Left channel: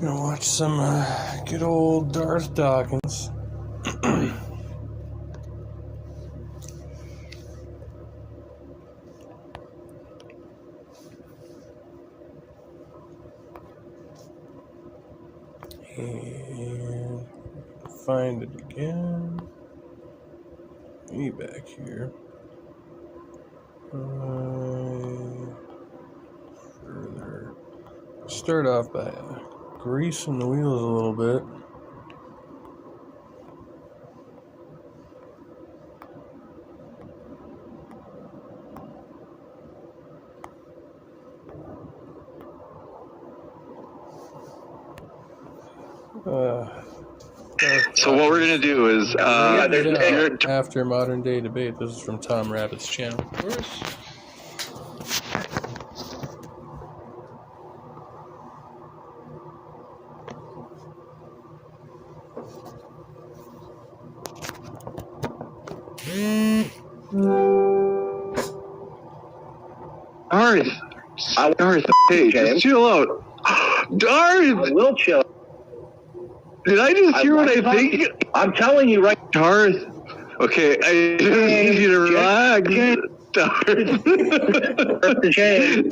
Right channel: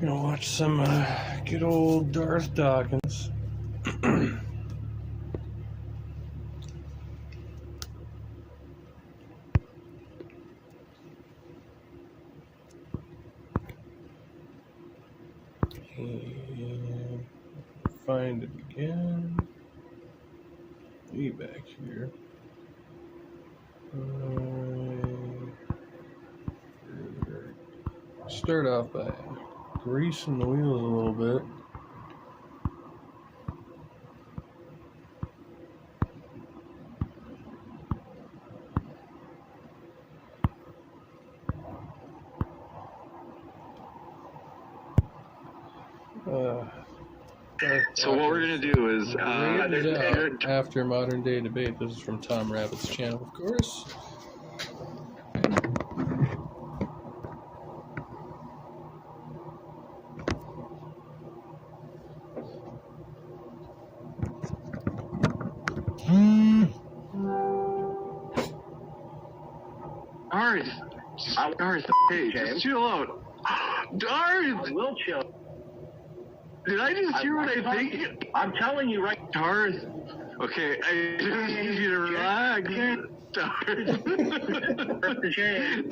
Gonna watch some good old Darth Dawkins. And find it again. Me back here. Further. Start off by greasing the wheels a little bit. So what we're going to do is after modern day debate. This is from Tom Rabbit's channel, of course. Darth, hey, just chill out. Darth! I will chill. Did I just hear what I think? I'm telling you right, Darth. Okay, I just need you to relax. Darth.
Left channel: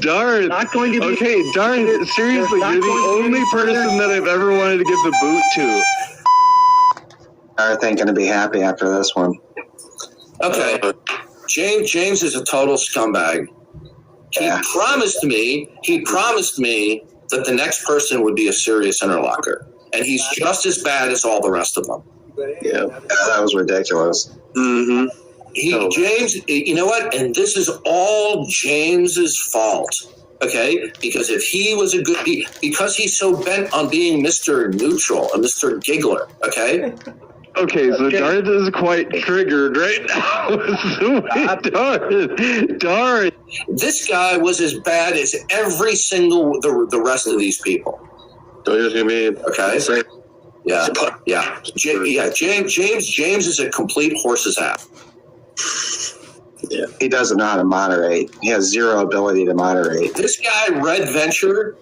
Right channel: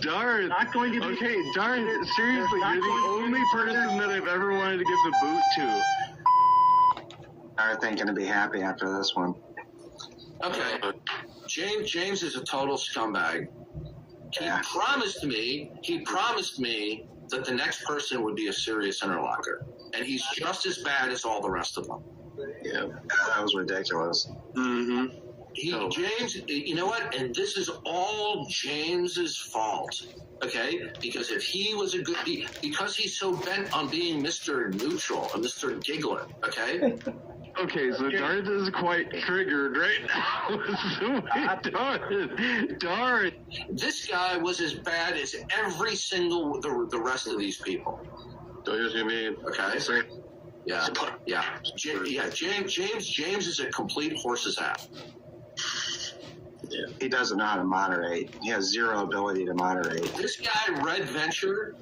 Darth. Not going to be. Okay, Darth, seriously, you're the only person that I've ever wanted to give the boot to. Darth ain't gonna be happy after this one. Okay. James is a total scumbag. He promised me that the next person would be a serious interlocker. And he's just as bad as all the rest of them. Yeah, that was ridiculous. Mm-hmm. James, you know what? And this is all James's fault. Okay? Because if he was because he's so bent on being Mr. Neutral, a Mr. Giggler, okay? Okay, so Darth is quite triggered right now. Darth. This guy was as bad as every single the rest of these people. Okay. Yeah. James is a complete horse's ass. Yeah. He doesn't know how to moderate. He has zero ability to moderate. This guy, Red Venture,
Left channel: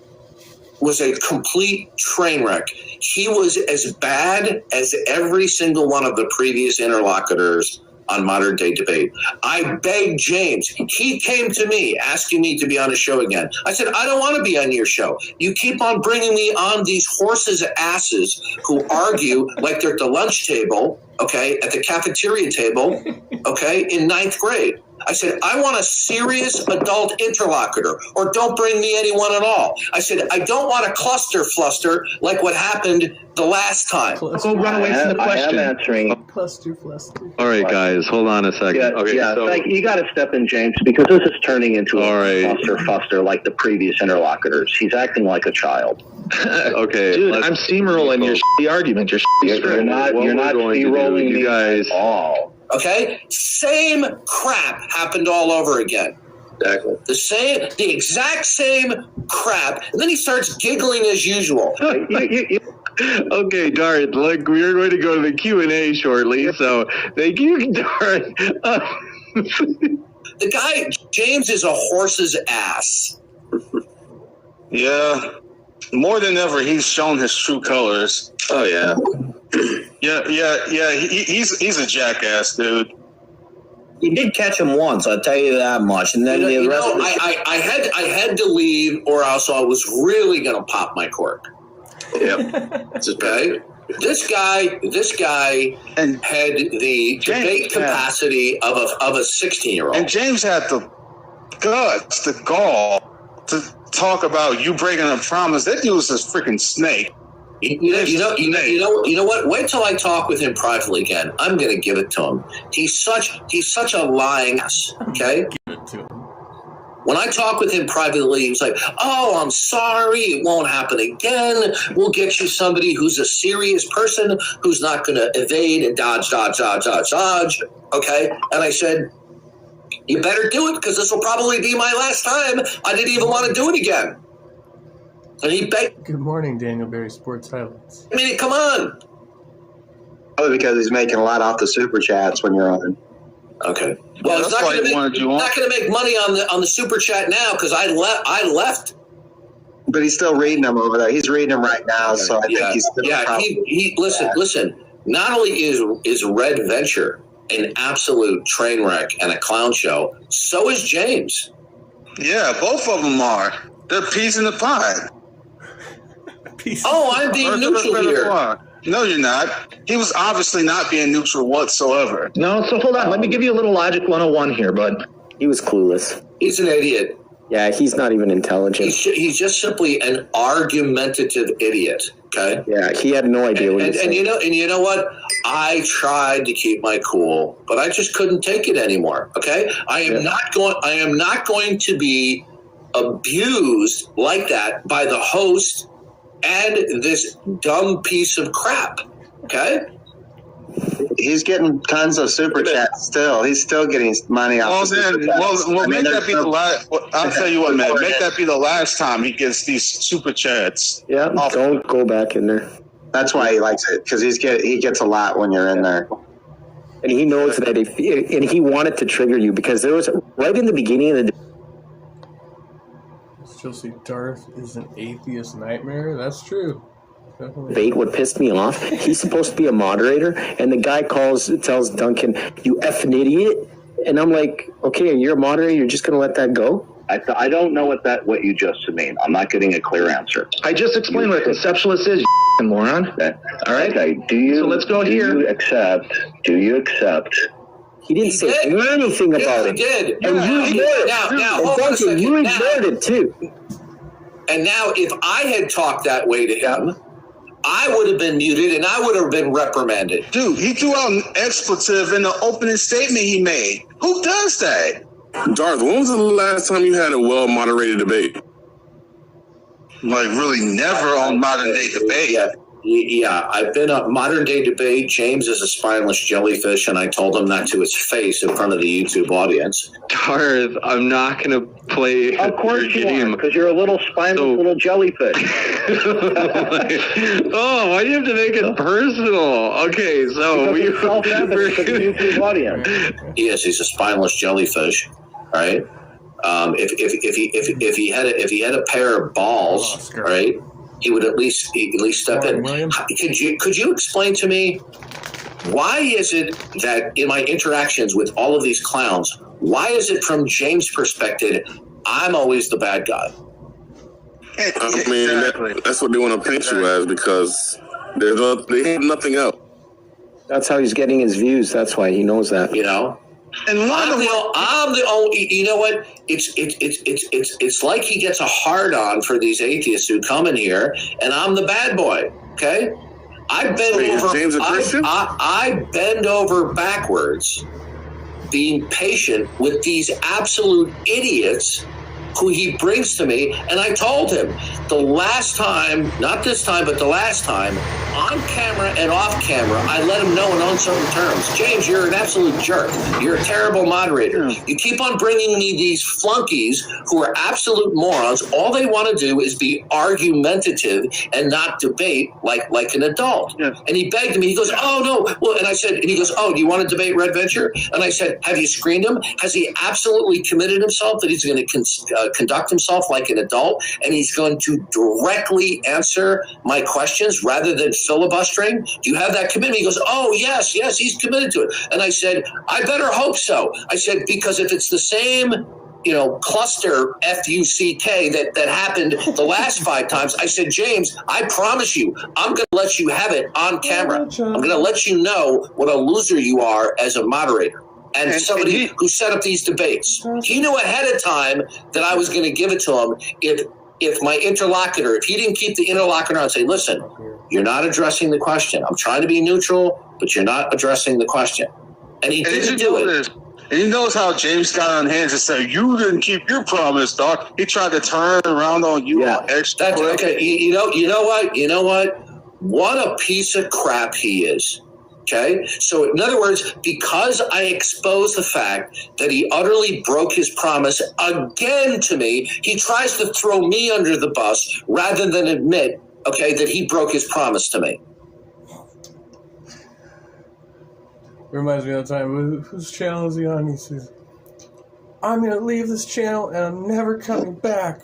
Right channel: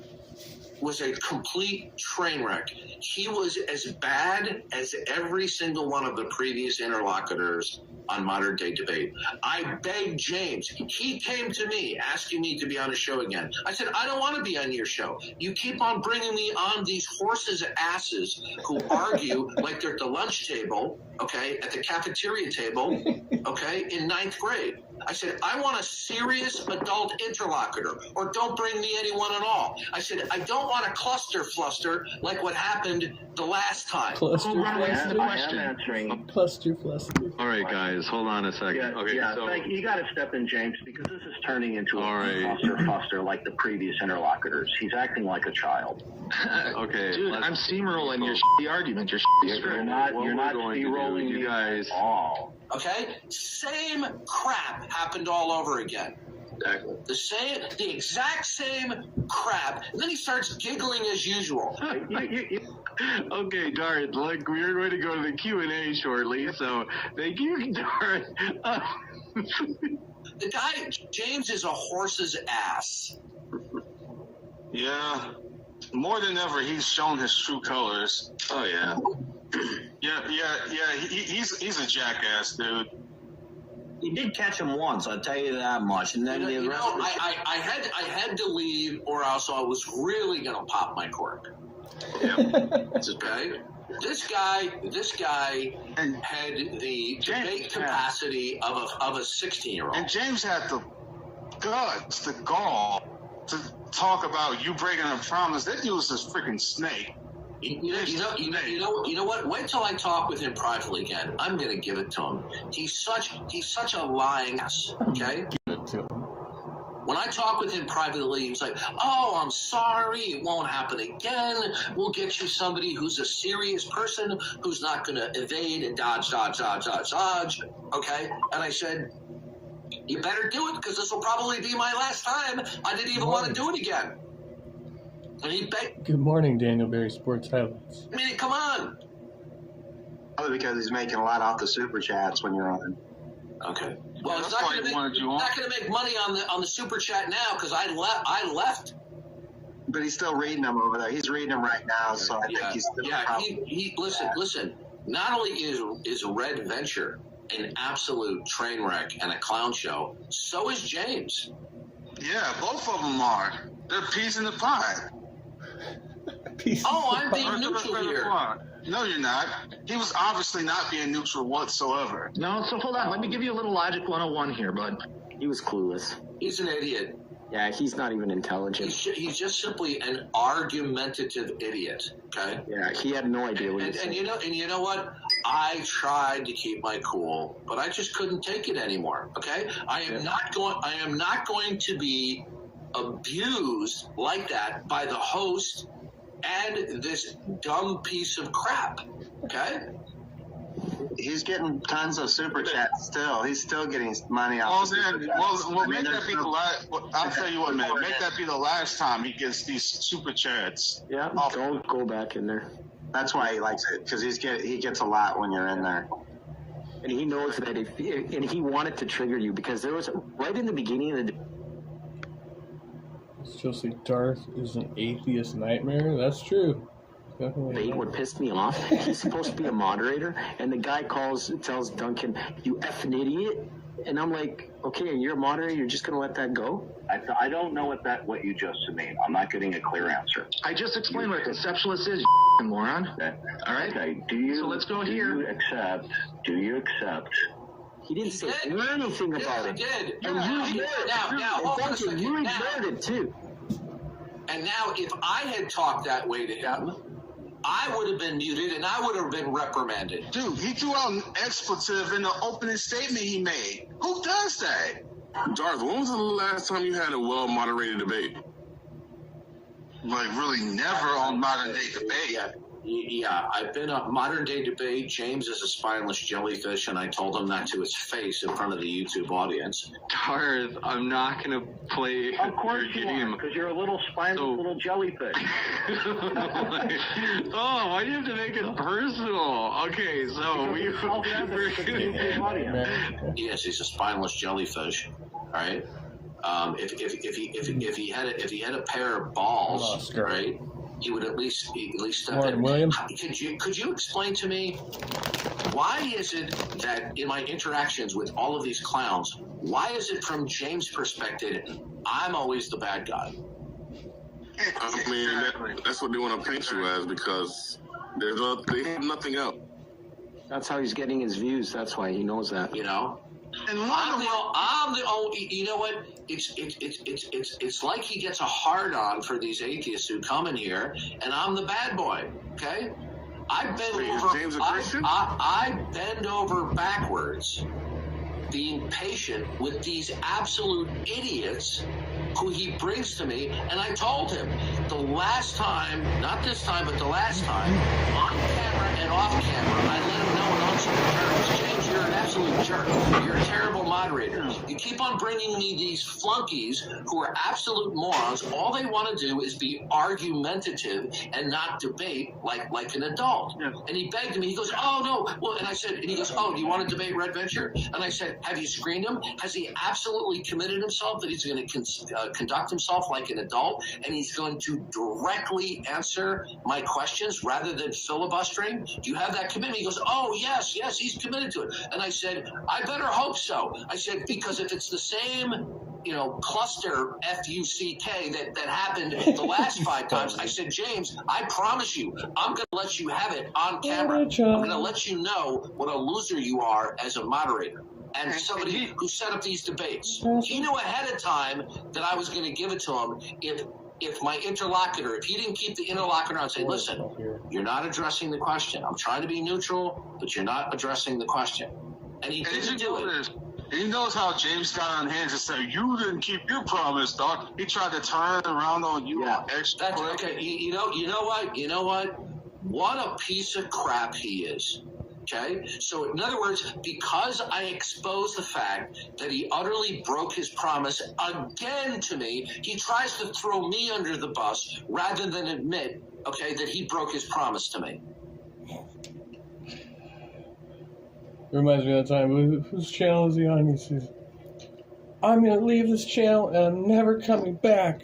was a complete train wreck. He was as bad as every single one of the previous interlocutors on Modern Day Debate. I begged James. He came to me asking me to be on a show again. I said, I don't want to be on your show. You keep on bringing me on these horses' asses who argue like they're at the lunch table, okay, at the cafeteria table, okay, in 9th grade. I said, I want a serious adult interlocutor, or don't bring me anyone at all. I said, I don't want a cluster fluster like what happened the last time. Go run away from the question. I am answering. Cluster fluster. All right, guys, hold on a second. So you got to step in, James, because this is turning into a cluster fuster like the previous interlocutors. He's acting like a child. Okay, dude, I'm steamrolling your shitty argument. You're not steamrolling you guys at all. Okay? Same crap happened all over again. Exactly. The exact same crap. And then he starts giggling as usual. Okay, Darth, look, we're going to go to the Q&A shortly, so thank you, Darth. The guy, James, is a horse's ass. Yeah. More than ever, he's shown his true colors. Oh, yeah. Yeah. He's a jackass, dude. You did catch him once, I'll tell you that much. And then I had to leave, or else I was really going to pop my cork. Yep. Okay. This guy had the debate capacity of a 16-year-old. And James had the guts, the gall to talk about you breaking a promise. That dude was a freaking snake. You know what? Wait till I talk with him privately again. I'm going to give it to him. He's such a lying ass. Okay. Give it to him. When I talk with him privately, he was like, "Oh, I'm sorry. It won't happen again. We'll get you somebody who's a serious person who's not going to evade and dodge. Okay." And I said, "You better do it because this will probably be my last time. I didn't even want to do it again." And he begged. Good morning, Daniel Berry Sports Highlights. I mean, come on. Probably because he's making a lot off the super chats when you're on. Okay. Well, he's not going to make money on the super chat now because I left. But he's still reading them over there. He's reading them right now, so I think he's still listen. Not only is Red Venture an absolute train wreck and a clown show, so is James. Yeah, both of them are. They're peas in the pod. I'm being neutral here. No, you're not. He was obviously not being neutral whatsoever. No, so hold on. Let me give you a little logic 101 here, bud. He was clueless. He's an idiot. Yeah, he's not even intelligent. He's just simply an argumentative idiot. Okay. Yeah, he had no idea what he was saying. And you know what? I tried to keep my cool, but I just couldn't take it anymore. Okay. I am not going to be abused like that by the host and this dumb piece of crap. Okay. He's getting tons of super chats still. He's still getting money off. I'll tell you what, man. Make that be the last time he gets these super chats. Yeah, don't go back in there. That's why he likes it, because he gets a lot when you're in there. And he knows that and he wanted to trigger you, because there was right in the beginning of the. Still see Darth is an atheist nightmare. That's true. Debate what pissed me off. He's supposed to be a moderator, and the guy tells Duncan, "You effing idiot," and I'm like, "Okay, you're a moderator. You're just gonna let that go?" I don't know what you just mean. I'm not getting a clear answer. I just explained what a conceptualist is, you moron. All right. Okay. So let's go here. Do you accept? He didn't say anything about it. He did. And you ignored it. Now, hold on a second. You ignored it too. And now, if I had talked that way to him, I would have been muted and I would have been reprimanded. Dude, he threw out an expletive in the opening statement he made. Who does that? Darth, when was the last time you had a well-moderated debate? Like, really never on modern day debate. Yeah, I've been a modern day debate. James is a spineless jellyfish, and I told him that to his face in front of the YouTube audience. Darth, I'm not going to play. Of course you are, because you're a little spineless little jellyfish. Oh, why do you have to make it personal? Okay, so we self-evident to the YouTube audience. Yes, he's a spineless jellyfish, right? If he had a pair of balls, right? He would at least step in. William? Could you explain to me, why is it that in my interactions with all of these clowns, why is it from James' perspective, I'm always the bad guy? I mean, that's what they want to paint you as, because they have nothing else. That's how he's getting his views. That's why he knows that. You know? And I'm the only. You know what? It's like he gets a hard on for these atheists who come in here, and I'm the bad boy. Okay, I bend over backwards, being patient with these absolute idiots who he brings to me, and I told him the last time, not this time, but the last time, on camera and off camera, I let him know in uncertain terms, James, you're an absolute jerk. You're a terrible moderator. You keep on bringing me these flunkies who are absolute morons. All they want to do is be argumentative and not debate like an adult. Yes. And he begged me. He goes, oh, no. Well, and I said, and he goes, oh, do you want to debate Red Venture? And I said, have you screened him? Has he absolutely committed himself that he's going to conduct himself like an adult, and he's going to directly answer my questions rather than filibustering? Do you have that commitment? He goes, oh, yes, he's committed to it. And I said, I better hope so. I said, because if it's the same, cluster F-U-C-K that happened the last 5 times, I said, James, I promise you, I'm going to let you have it on camera. I'm going to let you know what a loser you are as a moderator. And somebody who set up these debates. He knew ahead of time that I was going to give it to him if my interlocutor, if he didn't keep the interlocutor on and say, listen, you're not addressing the question. I'm trying to be neutral, but you're not addressing the question. And he didn't do it. And he knows how James got on hands and said, you didn't keep your promise, Doc. He tried to turn around on you. Yeah, that's okay. You know what? What a piece of crap he is. Okay, so in other words, because I exposed the fact that he utterly broke his promise again to me, he tries to throw me under the bus rather than admit, that he broke his promise to me. Reminds me of the time, whose channel is he on? He says, I'm going to leave this channel and I'm never coming back.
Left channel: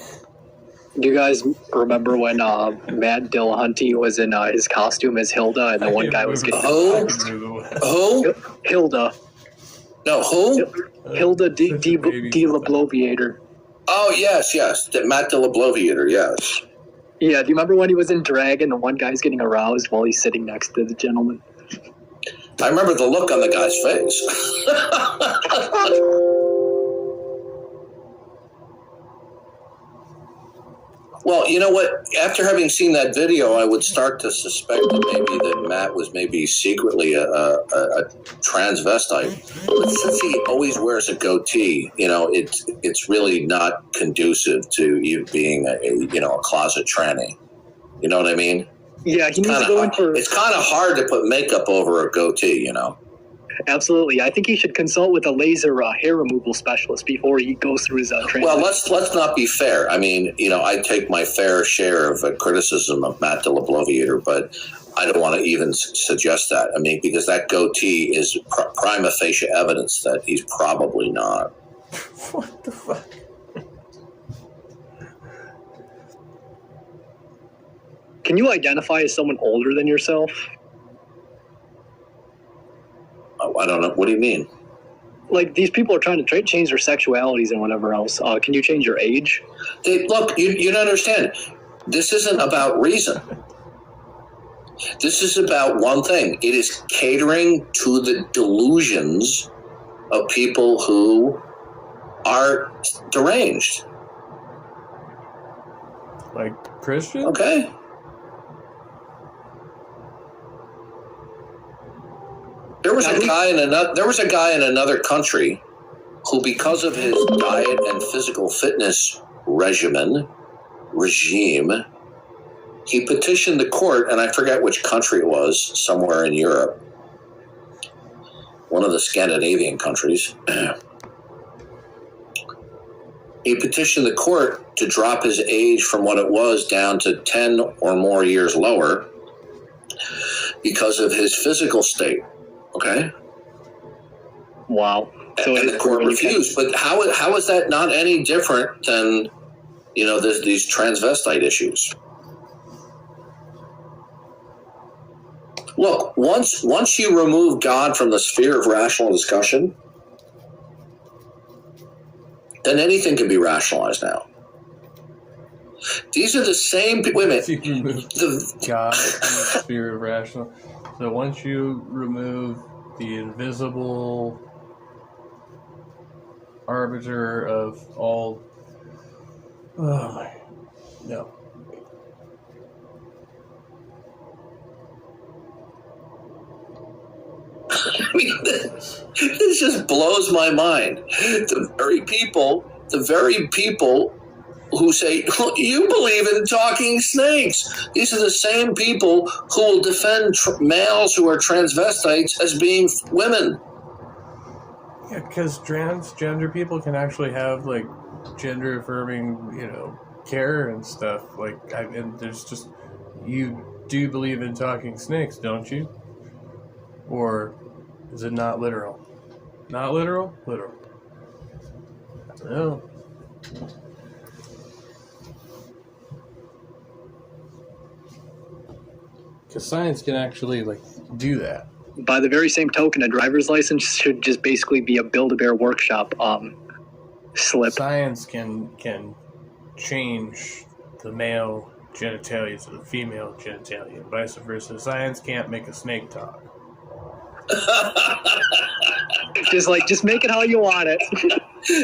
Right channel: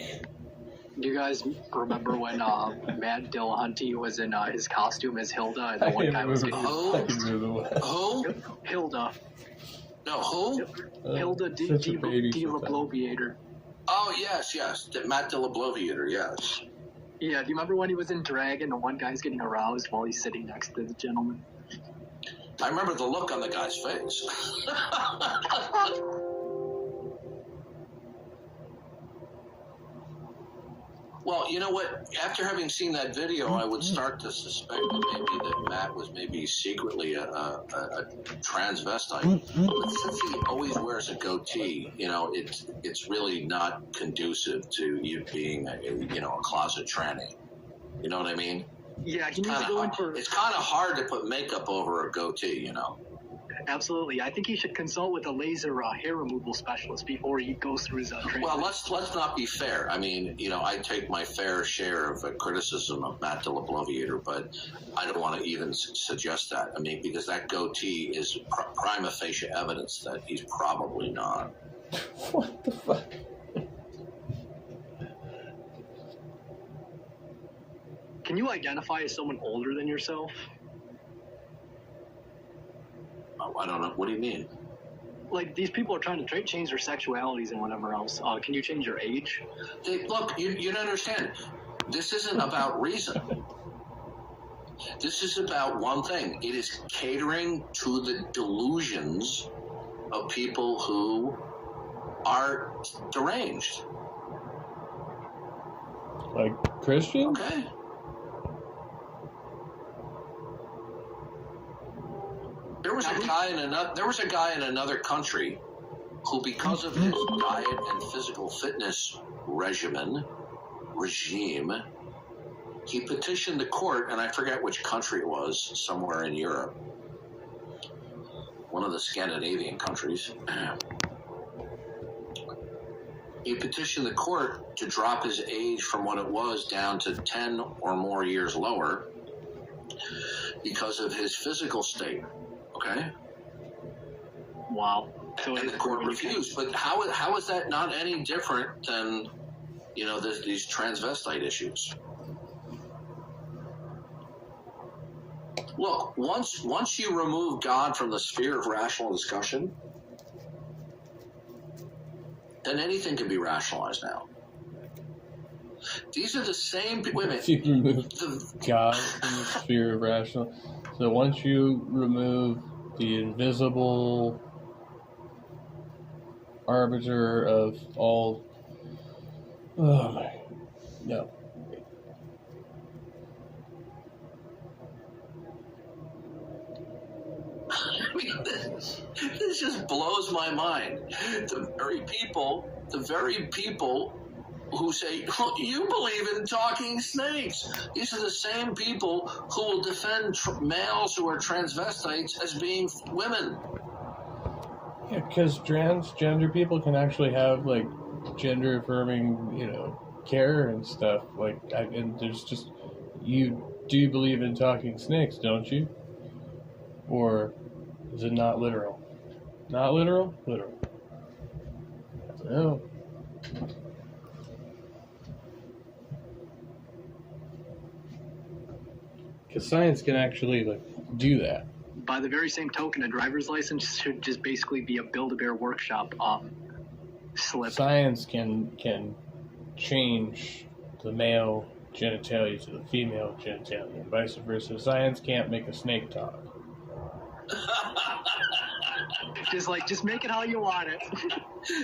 Do you guys remember when Matt Dillahunty was in his costume as Hilda, and the one guy was getting Who? Hilda? No, who? Hilda D. LaBloviator. Oh, yes. Matt DeLaBloviator, yes. Yeah, do you remember when he was in drag and the one guy's getting aroused while he's sitting next to the gentleman? I remember the look on the guy's face. Well, you know what? After having seen that video, I would start to suspect that Matt was maybe secretly a transvestite. But since he always wears a goatee, it's really not conducive to you being a closet tranny. You know what I mean? Yeah, he needs to go in for... It's kind of hard to put makeup over a goatee, Absolutely. I think he should consult with a laser hair removal specialist before he goes through his training. Well, let's not be fair. I mean, I take my fair share of criticism of Matt DeLaBloviator, but I don't want to even suggest that. I mean, because that goatee is prima facie evidence that he's probably not. What the fuck? Can you identify as someone older than yourself? I don't know. What do you mean? Like, these people are trying to change their sexualities and whatever else. Can you change your age? Look, you don't understand. This isn't about reason. This is about one thing. It is catering to the delusions of people who are deranged. Like Christian? Okay. There was a guy in another country who, because of his diet and physical fitness regime, he petitioned the court, and I forget which country it was, somewhere in Europe, one of the Scandinavian countries. He petitioned the court to drop his age from what it was down to 10 or more years lower because of his physical state. Okay. Wow. So and the court refused. But how is that not any different than, these transvestite issues? Look, once you remove God from the sphere of rational discussion, then anything can be rationalized now. These are the same people. Wait a minute. God from the sphere of rational. So once you remove the invisible arbiter of all... Oh my... No. I mean, this just blows my mind. The very people who say, you believe in talking snakes. These are the same people who will defend males who are transvestites as being women. Yeah, because transgender people can actually have, like, gender-affirming, care and stuff. Like, and there's just... You do believe in talking snakes, don't you? Or is it not literal? Not literal? Literal. I don't know. Because science can actually, do that. By the very same token, a driver's license should just basically be a Build-A-Bear workshop slip. Science can change the male genitalia to the female genitalia, and vice versa. Science can't make a snake talk. Just make it how you want it.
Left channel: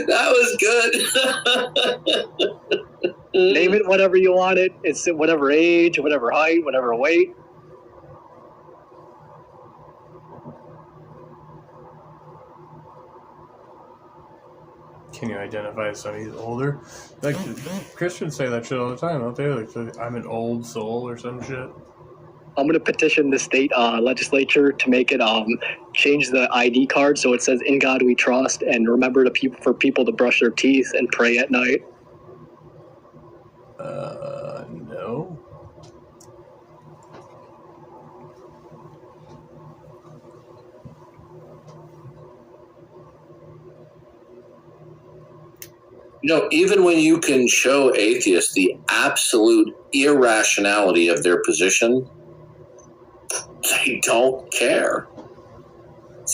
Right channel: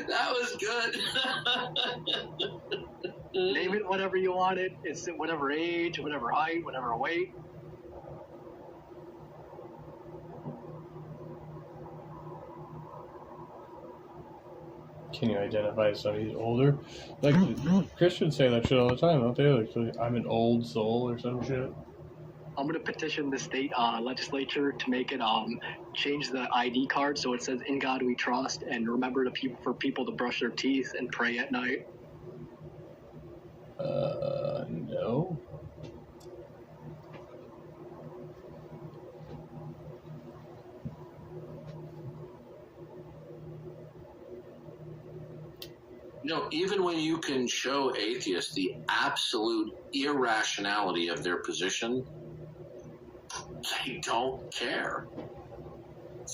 That was good. Name it whatever you want it. It's whatever age, whatever height, whatever weight. Can you identify as somebody who's older? Like, Christians say that shit all the time, don't they? Like, I'm an old soul or some shit. I'm going to petition the state legislature to make it change the ID card so it says "In God We Trust" and remember for people to brush their teeth and pray at night. No. even when you can show atheists the absolute irrationality of their position, they don't care.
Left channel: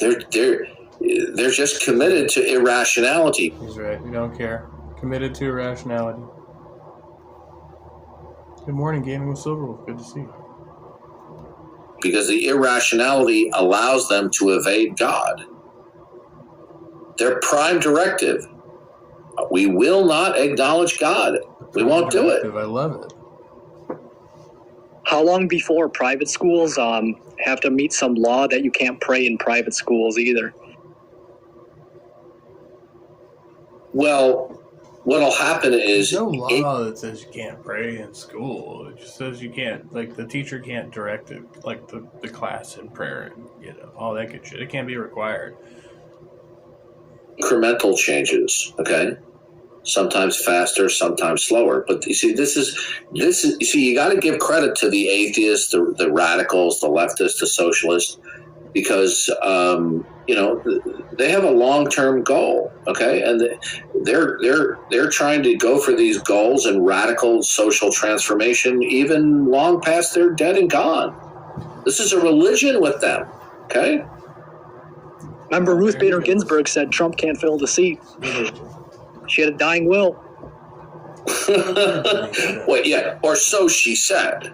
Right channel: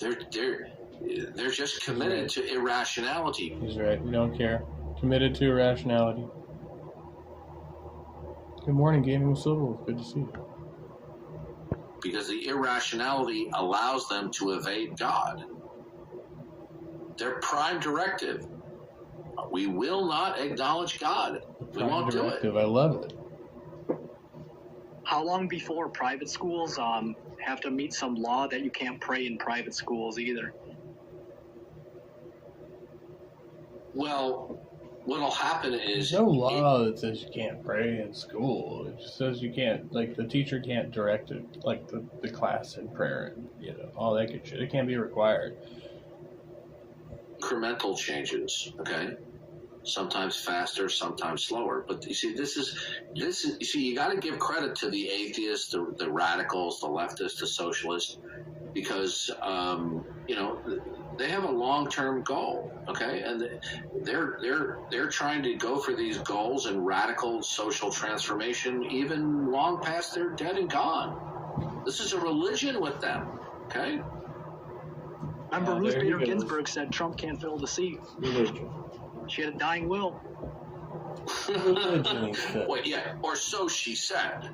They're just committed to irrationality. He's right. We don't care. Committed to irrationality. Good morning, Gaming with Silverwolf. Good to see you. Because the irrationality allows them to evade God. Their prime directive: we will not acknowledge God. We won't do it. I love it. How long before private schools have to meet some law that you can't pray in private schools either? Well, what'll happen is... There's no law that says you can't pray in school. It just says you can't, like, the teacher can't direct it, like, the class in prayer and, all that good shit. It can't be required. Incremental changes, okay? Sometimes faster, sometimes slower. But you see, you got to give credit to the atheists, the radicals, the leftists, the socialists, because, they have a long-term goal, okay? And they're trying to go for these goals and radical social transformation even long past they're dead and gone. This is a religion with them, okay? Remember, Ruth Bader Ginsburg said Trump can't fill the seat. She had a dying will. Wait, yeah, or so she said.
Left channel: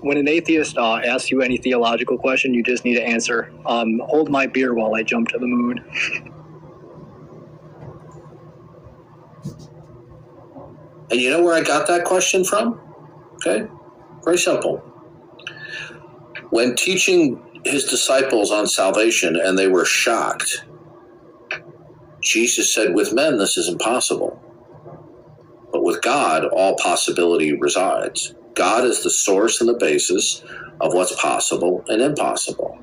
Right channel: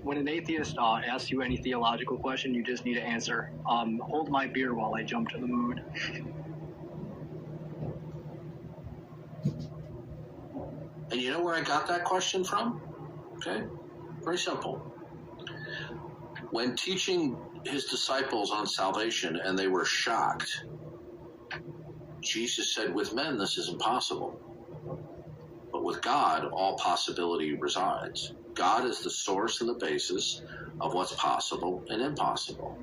When an atheist asks you any theological question, you just need to answer, hold my beer while I jump to the moon. And you know where I got that question from? Okay, very simple. When teaching his disciples on salvation and they were shocked, Jesus said, with men this is impossible, but with God all possibility resides. God is the source and the basis of what's possible and impossible.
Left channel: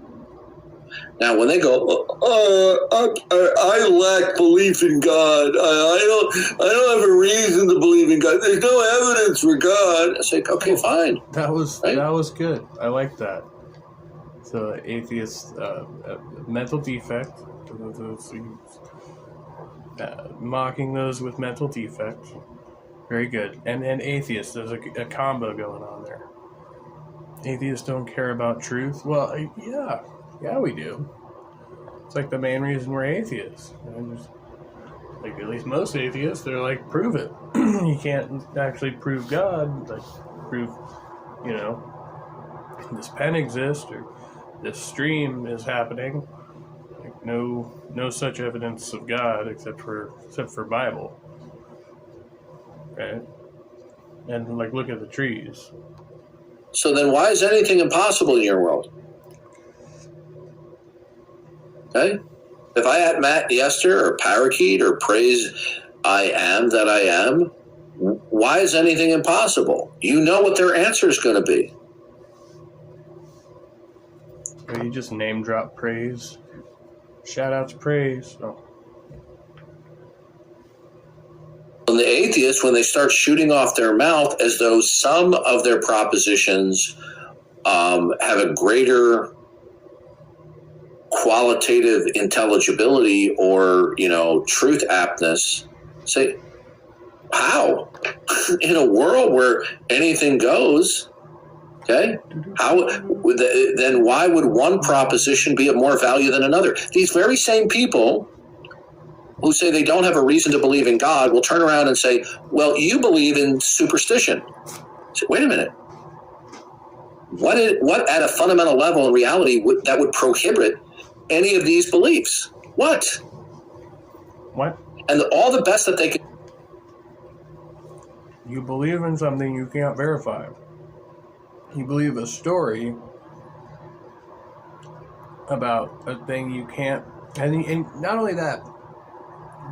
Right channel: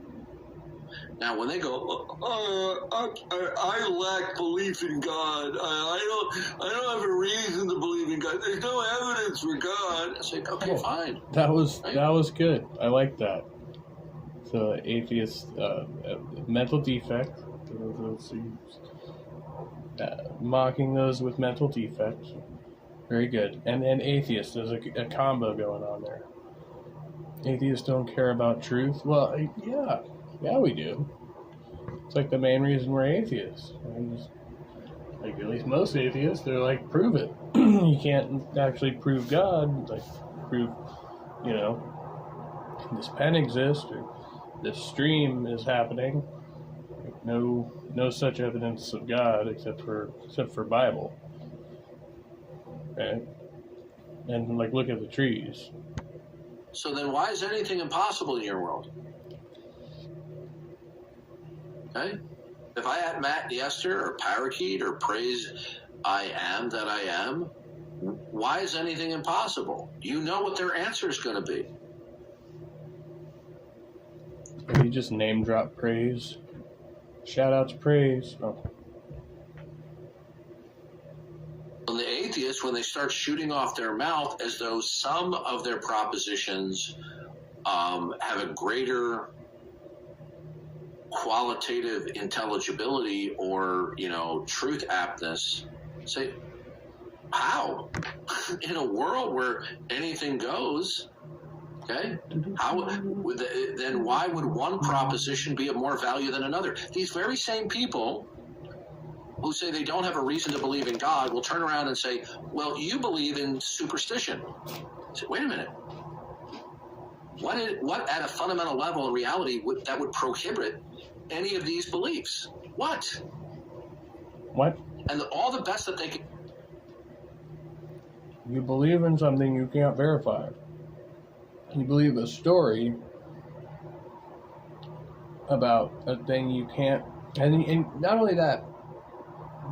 Now, when they go, I lack belief in God. I don't have a reason to believe in God. There's no evidence for God. I say, okay, fine. That was good. I like that. So, atheist, mental defect. Mocking those with mental defect. Very good. And atheists, there's a combo going on there. Atheists don't care about truth. Well, yeah, we do. It's like the main reason we're atheists. And just, like, at least most atheists, they're like, prove it. You can't actually prove God. Like, prove, this pen exists or this stream is happening. Like, no such evidence of God except for Bible. Right? And, like, look at the trees. So then why is anything impossible in your world? Okay? If I had Matt Yester or Parakeet or praise I am that I am, why is anything impossible? You know what their answer is going to be. Or you just name drop praise. Shout out to praise. Oh. And the atheists, when they start shooting off their mouth as though some of their propositions have a greater qualitative intelligibility or, truth aptness, say, how? In a world where anything goes, okay, then why would one proposition be of more value than another? These very same people who say they don't have a reason to believe in God will turn around and say, well, you believe in superstition. So, wait a minute. What at a fundamental level in reality that would prohibit any of these beliefs? What? And all the best that they can... You believe in something you can't verify. You believe a story about a thing you can't... And not only that,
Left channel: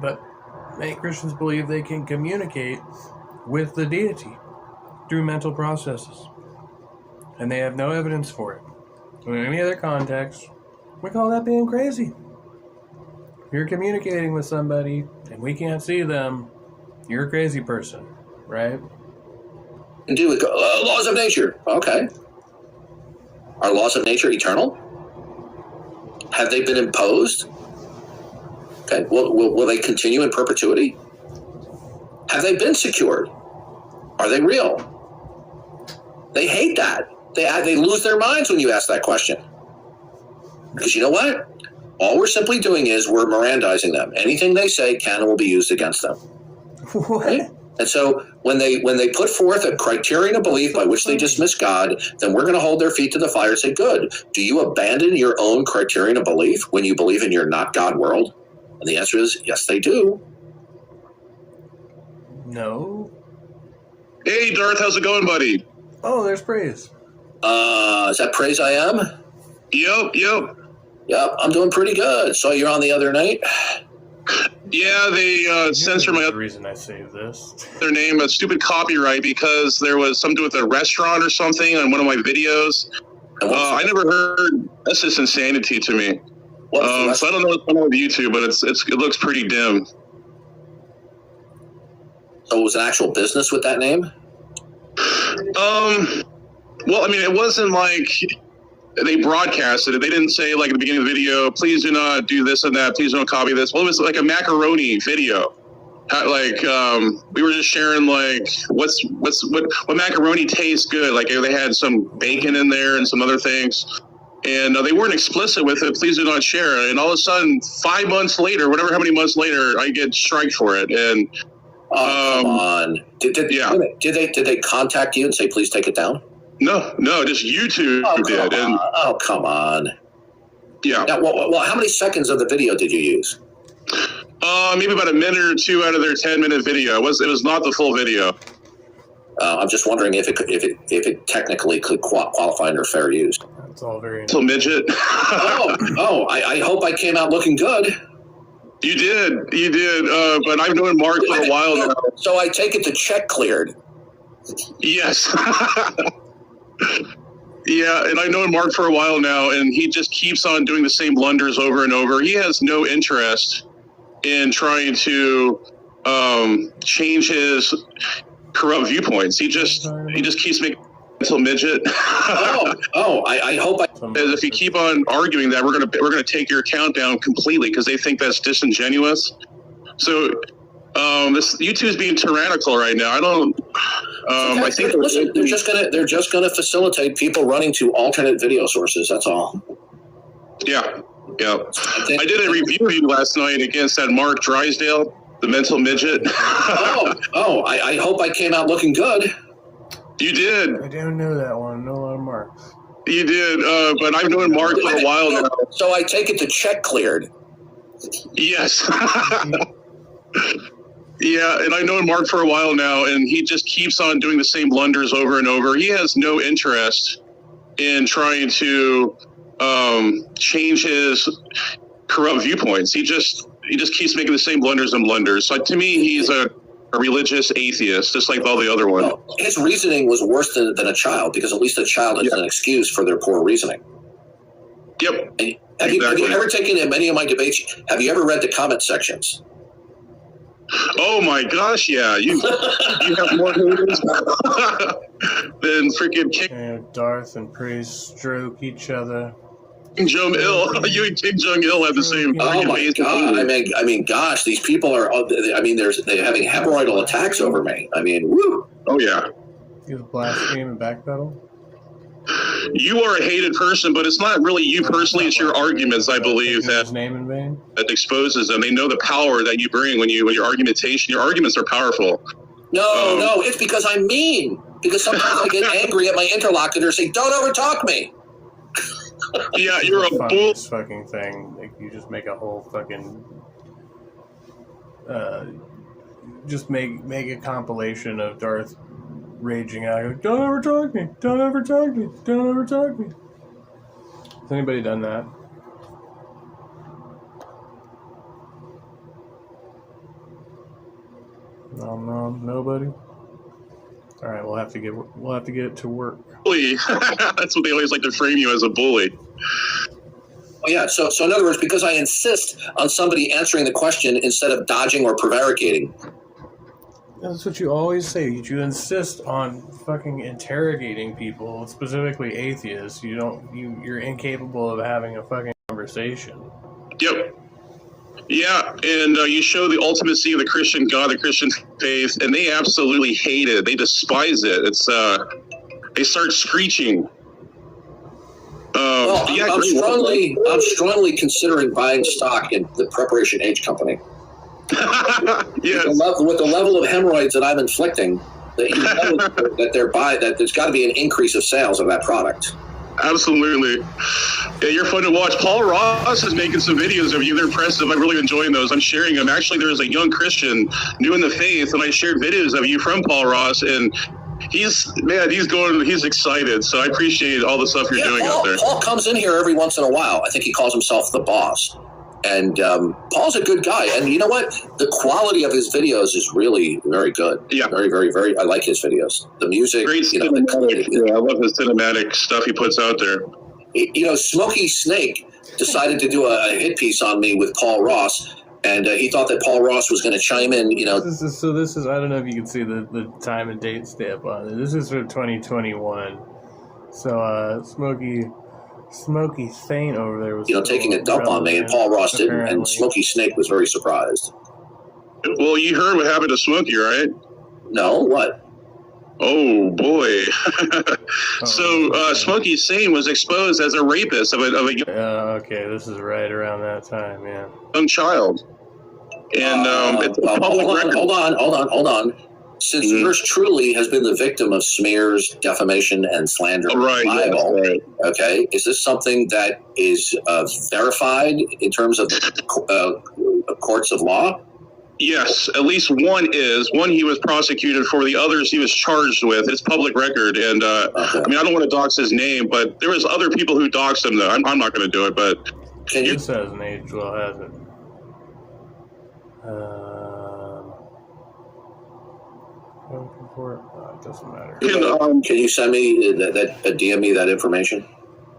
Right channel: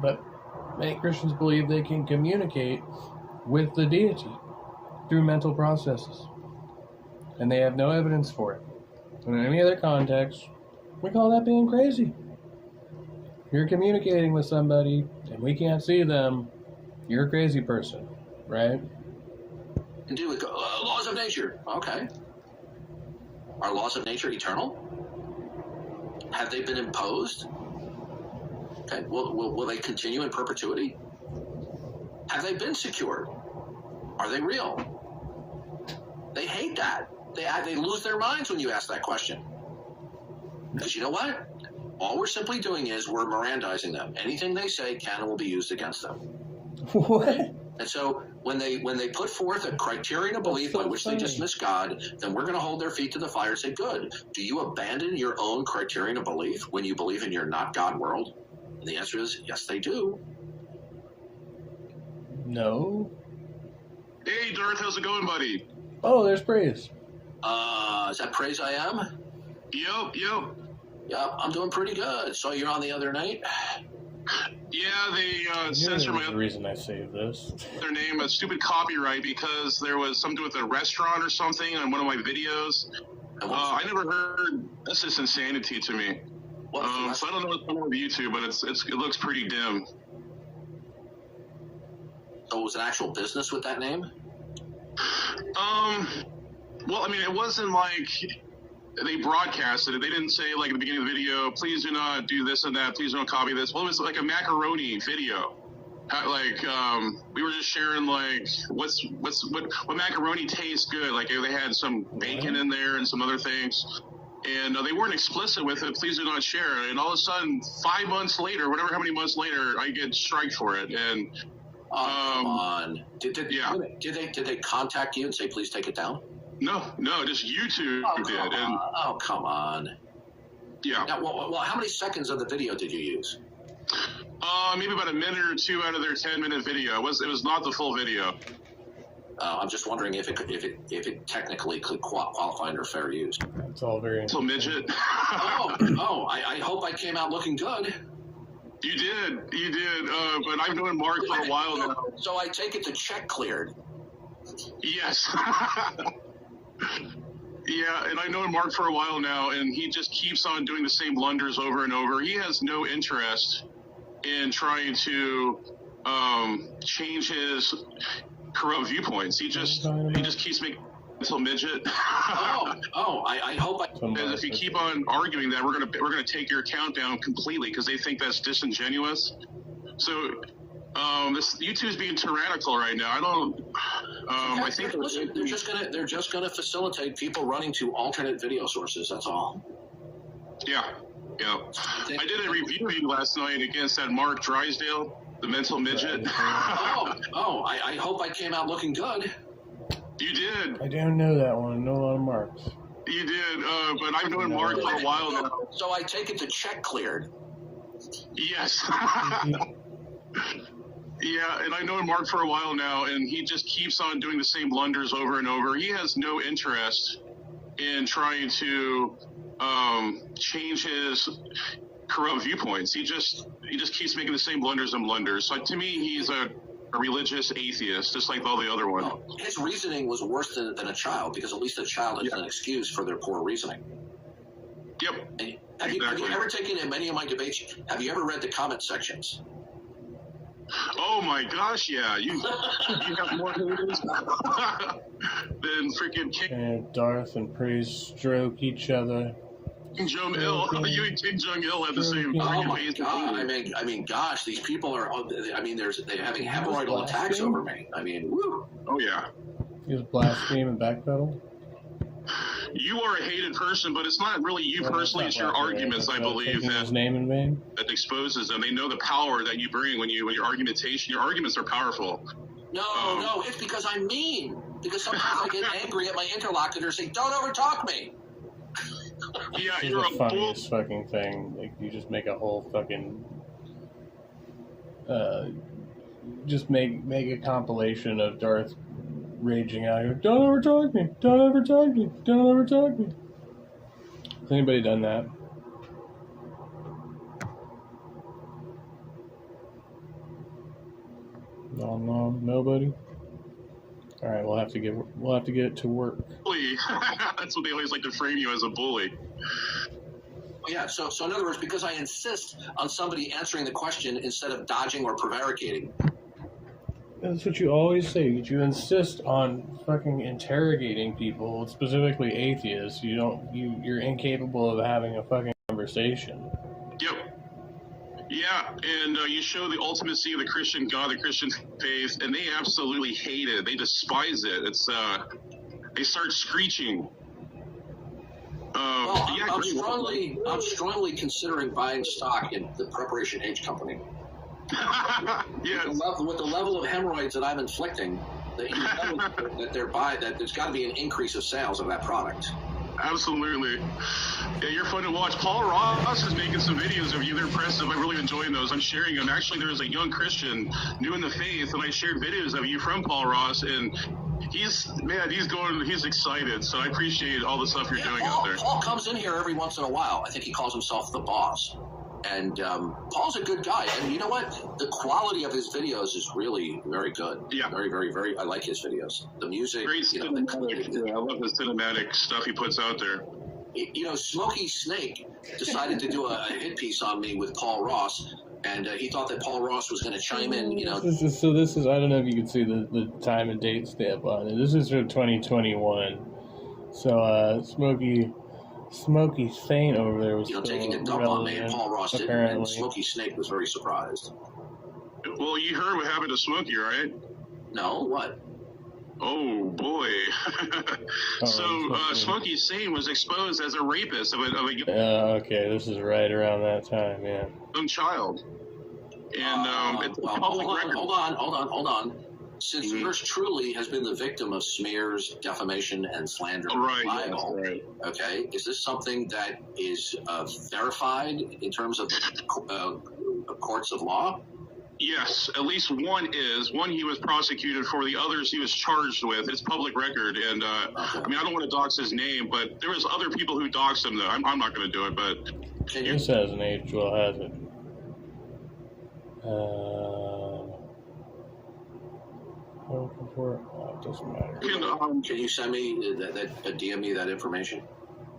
but many Christians believe they can communicate with the deity through mental processes. And they have no evidence for it. In any other context, we call that being crazy. you're communicating with somebody and we can't see them, you're a crazy person, right? And do with laws of nature. Okay. Are laws of nature eternal? Have they been imposed? Okay. Will they continue in perpetuity? Have they been secured? Are they real? They hate that. They lose their minds when you ask that question. Because you know what? All we're simply doing is we're Mirandizing them. Anything they say can and will be used against them. What? Right? And so when they put forth a criterion of belief by which they dismiss God, then we're going to hold their feet to the fire and say, good. Do you abandon your own criterion of belief when you believe in your not God world? And the answer is, yes, they do. No. Hey, Darth, how's it going, buddy? Oh, there's praise. Is that praise I am? Yep. Yep, I'm doing pretty good. So you're on the other night? Yeah, they censored the reason I saved this. Their name, a stupid copyright, because there was something with a restaurant or something on one of my videos. I never heard. That's just insanity to me. So I don't know what's going on with YouTube, but it looks pretty dim. So it was an actual business with that name? Well, I mean, it wasn't like they broadcasted it. They didn't say, like, at the beginning of the video, please do not do this and that. Please don't copy this. Well, it was like a macaroni video. We were just sharing, like, what macaroni tastes good. Like, they had some bacon in there and some other things. And they weren't explicit with it. Please do not share it. And all of a sudden, 5 months later, how many months later, I get striked for it. And come on. Did they contact you and say, please take it down? No, just YouTube did. Oh, come on. Yeah. Now, well, how many seconds of the video did you use? Maybe about a minute or two out of their 10-minute video. It was not the full video. I'm just wondering if it technically could qualify under fair use. That's all very. Little midget. I hope I came out looking good. You did. But I've known Mark for a while now. So I take it the check cleared. Yes. Yeah, and I've known Mark for a while now, and he just keeps on doing the same blunders over and over. He has no interest in trying to change his corrupt viewpoints. He just keeps making mental midget. I hope if you keep on arguing that, we're gonna take your account down completely because they think that's disingenuous. So this YouTube's being tyrannical right now. I don't. I think they're just gonna facilitate people running to alternate video sources. That's all. Yeah. I did a review last night against that Mark Drysdale, the mental midget. I hope I came out looking good. You did. I don't know that one. I know a lot of Marks. You did, but I've known Mark for a while now. So I take it the check cleared. Yes. Yeah, and I've known Mark for a while now, and he just keeps on doing the same blunders over and over. He has no interest in trying to change his corrupt viewpoints. He just keeps making the same blunders. So to me, he's a religious atheist, just like all the other ones. Well, his reasoning was worse than a child, because at least a child is an excuse for their poor reasoning. Yep. And have you ever taken in many of my debates? Have you ever read the comment sections? Oh my gosh, yeah. You have more haters than freaking King Darth and Praise stroke each other. King Jong-il. You and King Jong-il have the same. Oh my god! I mean, gosh, these people are. I mean, they're having hemorrhoidal attacks over me. I mean, woo. Oh yeah. He was blaspheme and backpedal. You are a hated person, but it's not really you personally. It's your arguments, I believe, that name in vain. That exposes them. They know the power that you bring when your argumentation. Your arguments are powerful. No, it's because I'm mean. Because sometimes I get angry at my interlocutor, saying, "Don't overtalk me." Yeah, you're a bull. Fucking thing. Like, you just make a whole fucking. Just make a compilation of Darth raging out. Like, don't ever talk me. Don't ever talk me. Don't ever talk me. Has anybody done that? No, nobody. All right, we'll have to get to work. Bully. That's what they always like to frame you as, a bully. yeah. So in other words, because I insist on somebody answering the question instead of dodging or prevaricating. That's what you always say. You insist on fucking interrogating people, specifically atheists. You're incapable of having a fucking conversation. Yep. Yeah, and you show the ultimacy of the Christian God, the Christian faith, and they absolutely hate it. They despise it. It's they start screeching. I'm strongly considering buying stock in the Preparation H company. Yes. With the level of hemorrhoids that I'm inflicting, that there's got to be an increase of sales of that product. Absolutely. Yeah, you're fun to watch. Paul Ross is making some videos of you. They're impressive. I'm really enjoying those. I'm sharing them. Actually, there was a young Christian new in the faith, and I shared videos of you from Paul Ross, and he's excited. So I appreciate all the stuff you're doing out there. Paul comes in here every once in a while. I think he calls himself the boss. And Paul's a good guy. And you know what? The quality of his videos is really very good. Yeah. Very, very, very. I like his videos. The music. Great cinematic. Yeah, I love the cinematic stuff he puts out there. Smokey Snake decided to do a hit piece on me with Paul Ross. And he thought that Paul Ross was going to chime in, This is, I don't know if you can see the time and date stamp on it. This is from 2021. So, Smokey Saint over there was taking a dump on me, and Paul Ross didn't, and Smokey Snake was very surprised. Well, you heard what happened to Smokey, right? No, what? Oh boy! Smokey Saint was exposed as a rapist of a okay, this is right around that time, yeah. Young child, and it's a public record. Hold on. Since yours truly has been the victim of smears, defamation, and slander, libel, okay, is this something that is verified in terms of courts of law? Yes, at least one is. One he was prosecuted for. The others he was charged with. It's public record, and I don't want to dox his name, but there was other people who doxed him. Though I'm not going to do it, but this hasn't aged well, has it? It doesn't matter. Can you send me DM me that information?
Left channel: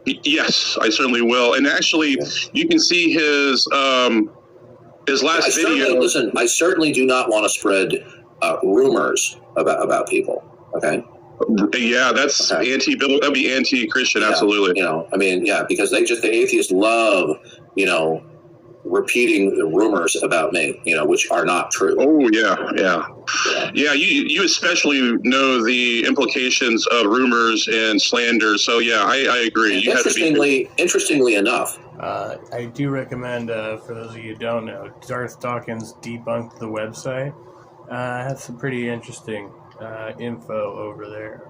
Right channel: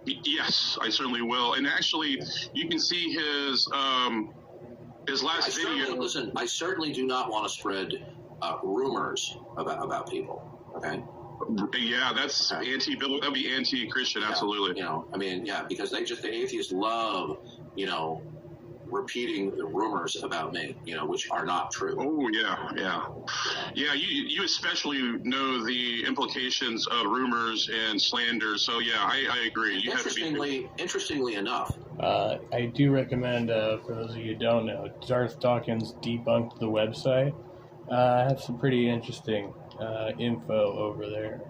Yes, I certainly will. And actually, you can see his last video. Listen, I certainly do not want to spread rumors about people. Okay. Yeah, that's anti-biblical. That'd be anti-Christian. Yeah, absolutely. Because the atheists love, repeating the rumors about me, which are not true. Oh yeah. You especially know the implications of rumors and slander. So yeah, I agree. Interestingly enough, I do recommend for those of you who don't know, Darth Dawkins debunked the website. Had some pretty interesting info over there.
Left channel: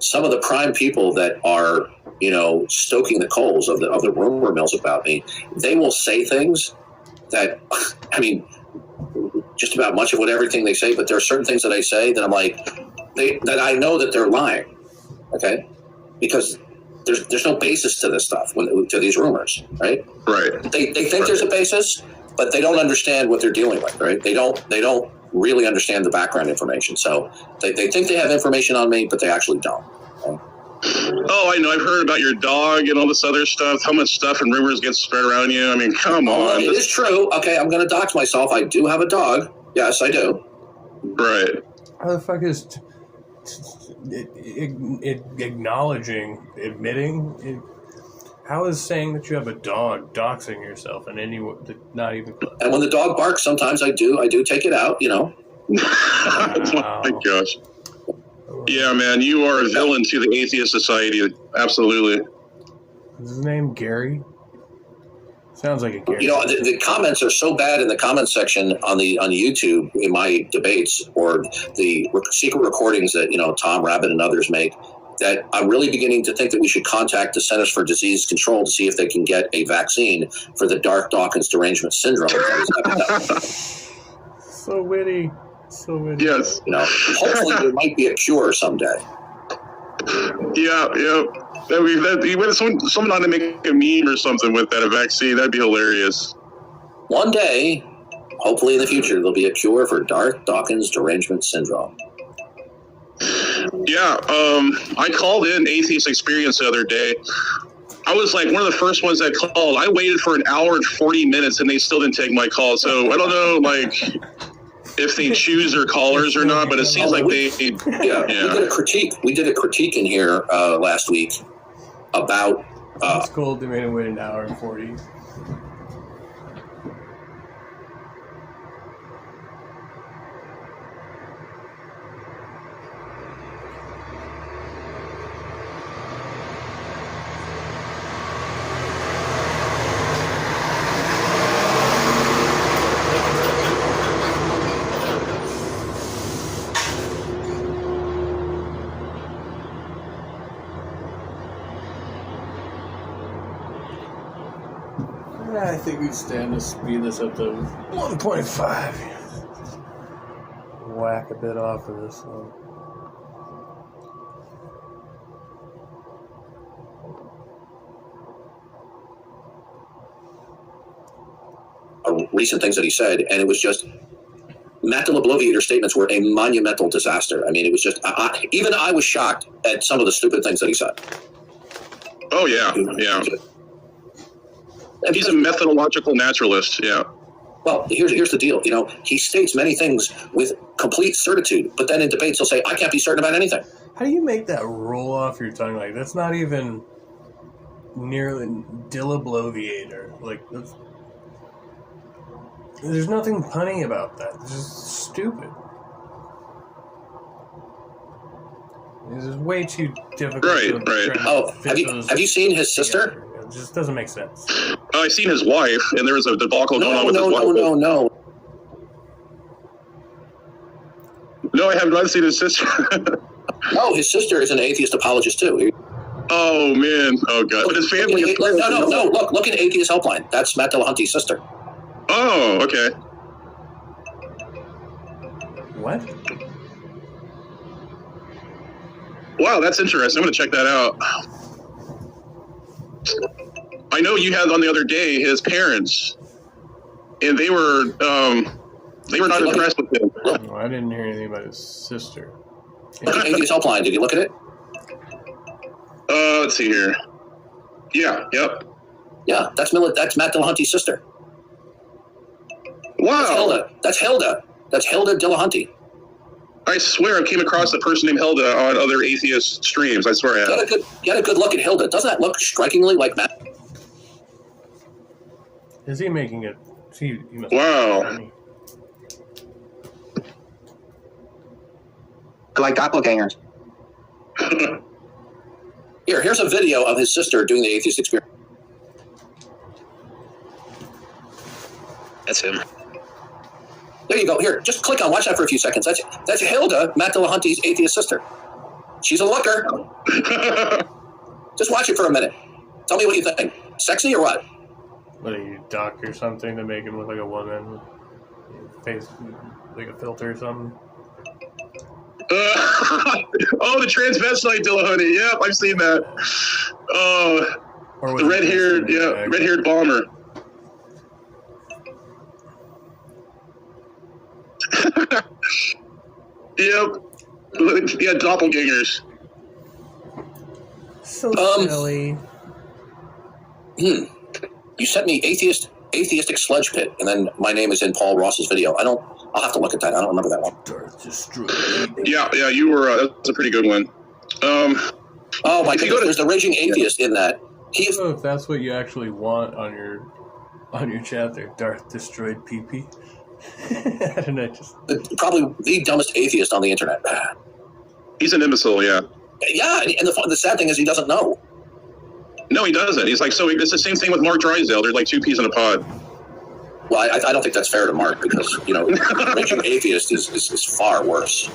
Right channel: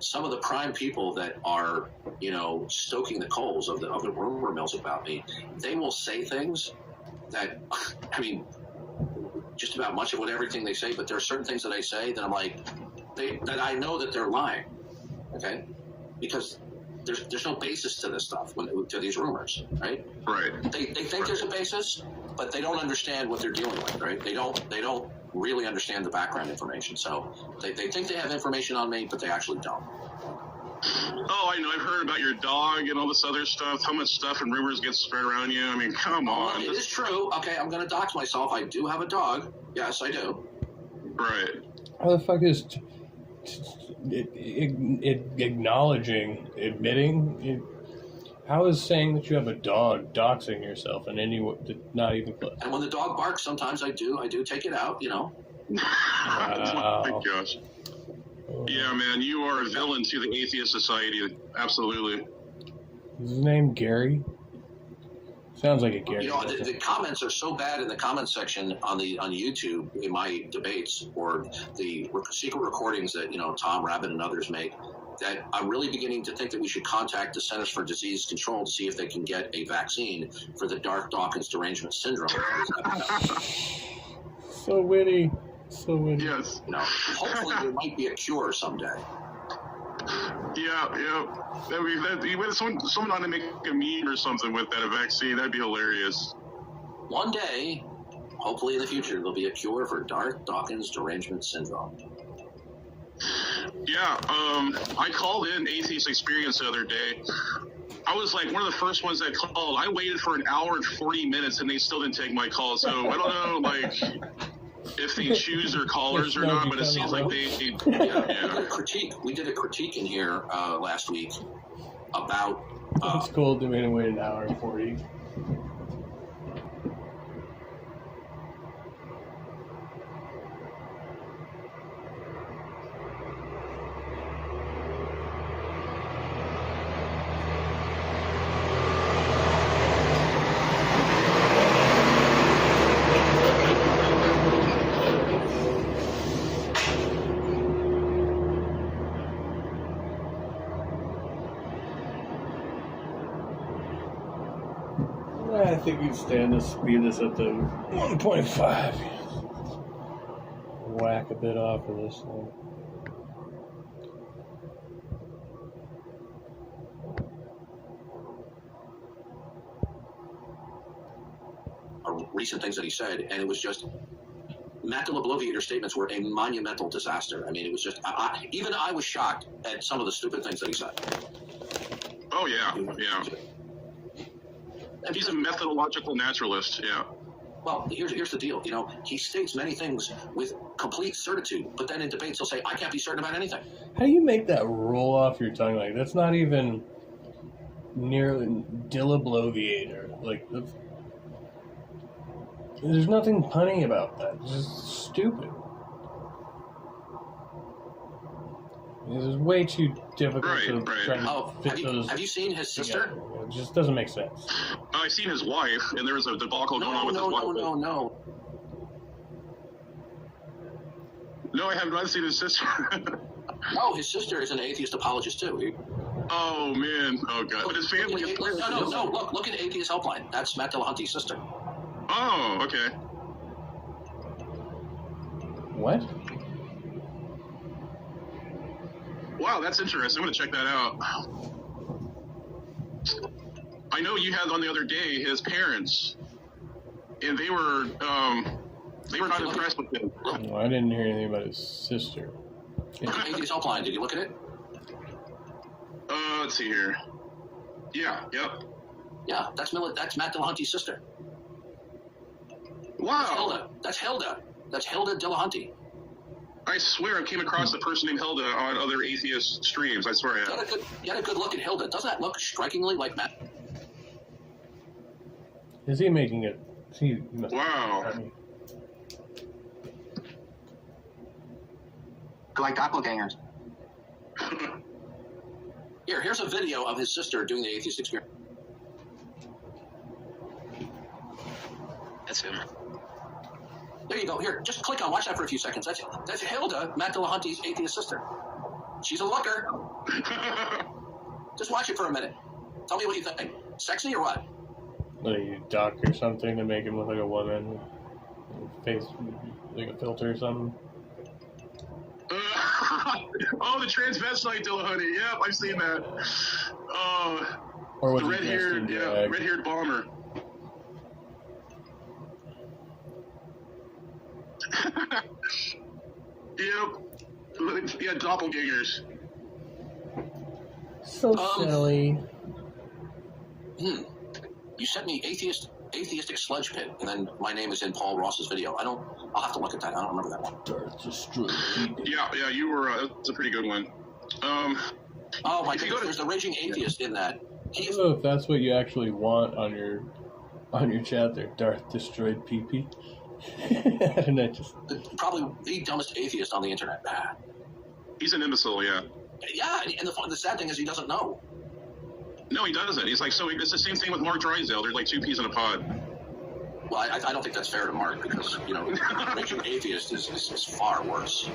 Some of the prime people that are, stoking the coals of the rumor mills about me, they will say things that, just about much of everything they say, but there are certain things that I say that I'm like, that I know that they're lying, okay? Because there's no basis to this stuff, to these rumors, right? Right. They think there's a basis, but they don't understand what they're dealing with, right? They don't really understand the background information. So they think they have information on me, but they actually don't. Okay? Oh, I know. I've heard about your dog and all this other stuff. How much stuff and rumors get spread around you. Come on. It is true. Okay, I'm going to dox myself. I do have a dog. Yes, I do. Right. How the fuck is acknowledging, admitting? How is saying that you have a dog doxing yourself in any way? Not even close. And when the dog barks, sometimes I do take it out. Wow. Oh my gosh. Yeah, man, you are a villain to the atheist society. Absolutely. Is his name Gary? Sounds like a Gary. The comments are so bad in the comment section on YouTube in my debates, or the secret recordings that Tom Rabbit and others make, that I'm really beginning to think that we should contact the Centers for Disease Control to see if they can get a vaccine for the Darth-Dawkins derangement syndrome. So witty. Yes. Hopefully there might be a cure someday. Yeah. Someone ought to make a meme or something with that, a vaccine. That'd be hilarious. One day, hopefully in the future, there'll be a cure for Darth-Dawkins derangement syndrome. Yeah, I called in Atheist Experience the other day, I was like one of the first ones that called. I waited for an hour and 40 minutes, and they still didn't take my call. So I don't know, like, if they choose their callers or not, but it seems like they. Yeah. We did a critique in here last week about. It's cool. They made him wait an hour and 40. I think we'd stand to speed this up to 1.5. Whack a bit off of this one. Recent things that he said, and it was just Matt the Bloviator's statements were a monumental disaster. I mean, it was just even I was shocked at some of the stupid things that he said. Oh yeah. He's a methodological naturalist. Yeah. Well, here's the deal. You know, he states many things with complete certitude, but then in debates he'll say, "I can't be certain about anything." How do you make that roll off your tongue? Like, that's not even nearly Bloviator. Like, there's nothing punny about that. It's just stupid. It's just way too difficult. Right. Oh, have you seen his sister? It just doesn't make sense. I've seen his wife, and there was a debacle going on with his wife. No. No, I have not seen his sister. No, his sister is an atheist apologist too. Oh man, oh god. But his family is... No. Look at Atheist Helpline. That's Matt Dillahunty's sister. Oh, okay. What? Wow, that's interesting. I'm gonna check that out. I know you had on the other day his parents, and they were not impressed with him. No, I didn't hear anything about his sister. Look at Atheist Helpline. Did you look at it? Let's see here. Yeah. Yep. Yeah, that's Matt Dillahunty's sister. Wow. That's Hilda. That's Hilda Dillahunty. I swear I came across a person named Hilda on other atheist streams. I swear I have. Get a good look at Hilda. Doesn't that look strikingly like Matt? Is he making it? He must. Wow. Like doppelgangers. Here's a video of his sister doing the atheist experience. That's him. There you go. Here, just click on. Watch that for a few seconds. That's Hilda, Matt Dillahunty's atheist sister. She's a looker. Just watch it for a minute. Tell me what you think. Sexy or what? What are you, doc or something to make him look like a woman with face like a filter or something? Oh, the transvestite Dillahunty. Yep, I've seen that. Or the red-haired bomber. Yep. Yeah, doppelgangers. So silly. You sent me atheistic sludge pit, and then my name is in Paul Ross's video. I'll have to look at that. I don't remember that one. Darth destroyed. Yeah, you were. That's a pretty good one. Oh my goodness! There's the raging atheist in that. I don't know if that's what you actually want on your chat there. Darth destroyed PP. I don't know, probably the dumbest atheist on the internet. He's an imbecile, yeah. Yeah, and the sad thing is he doesn't know. No, he doesn't. He's like, so it's the same thing with Mark Drysdale. They're like two peas in a pod. Well, I don't think that's fair to Mark because, raging atheist is far worse.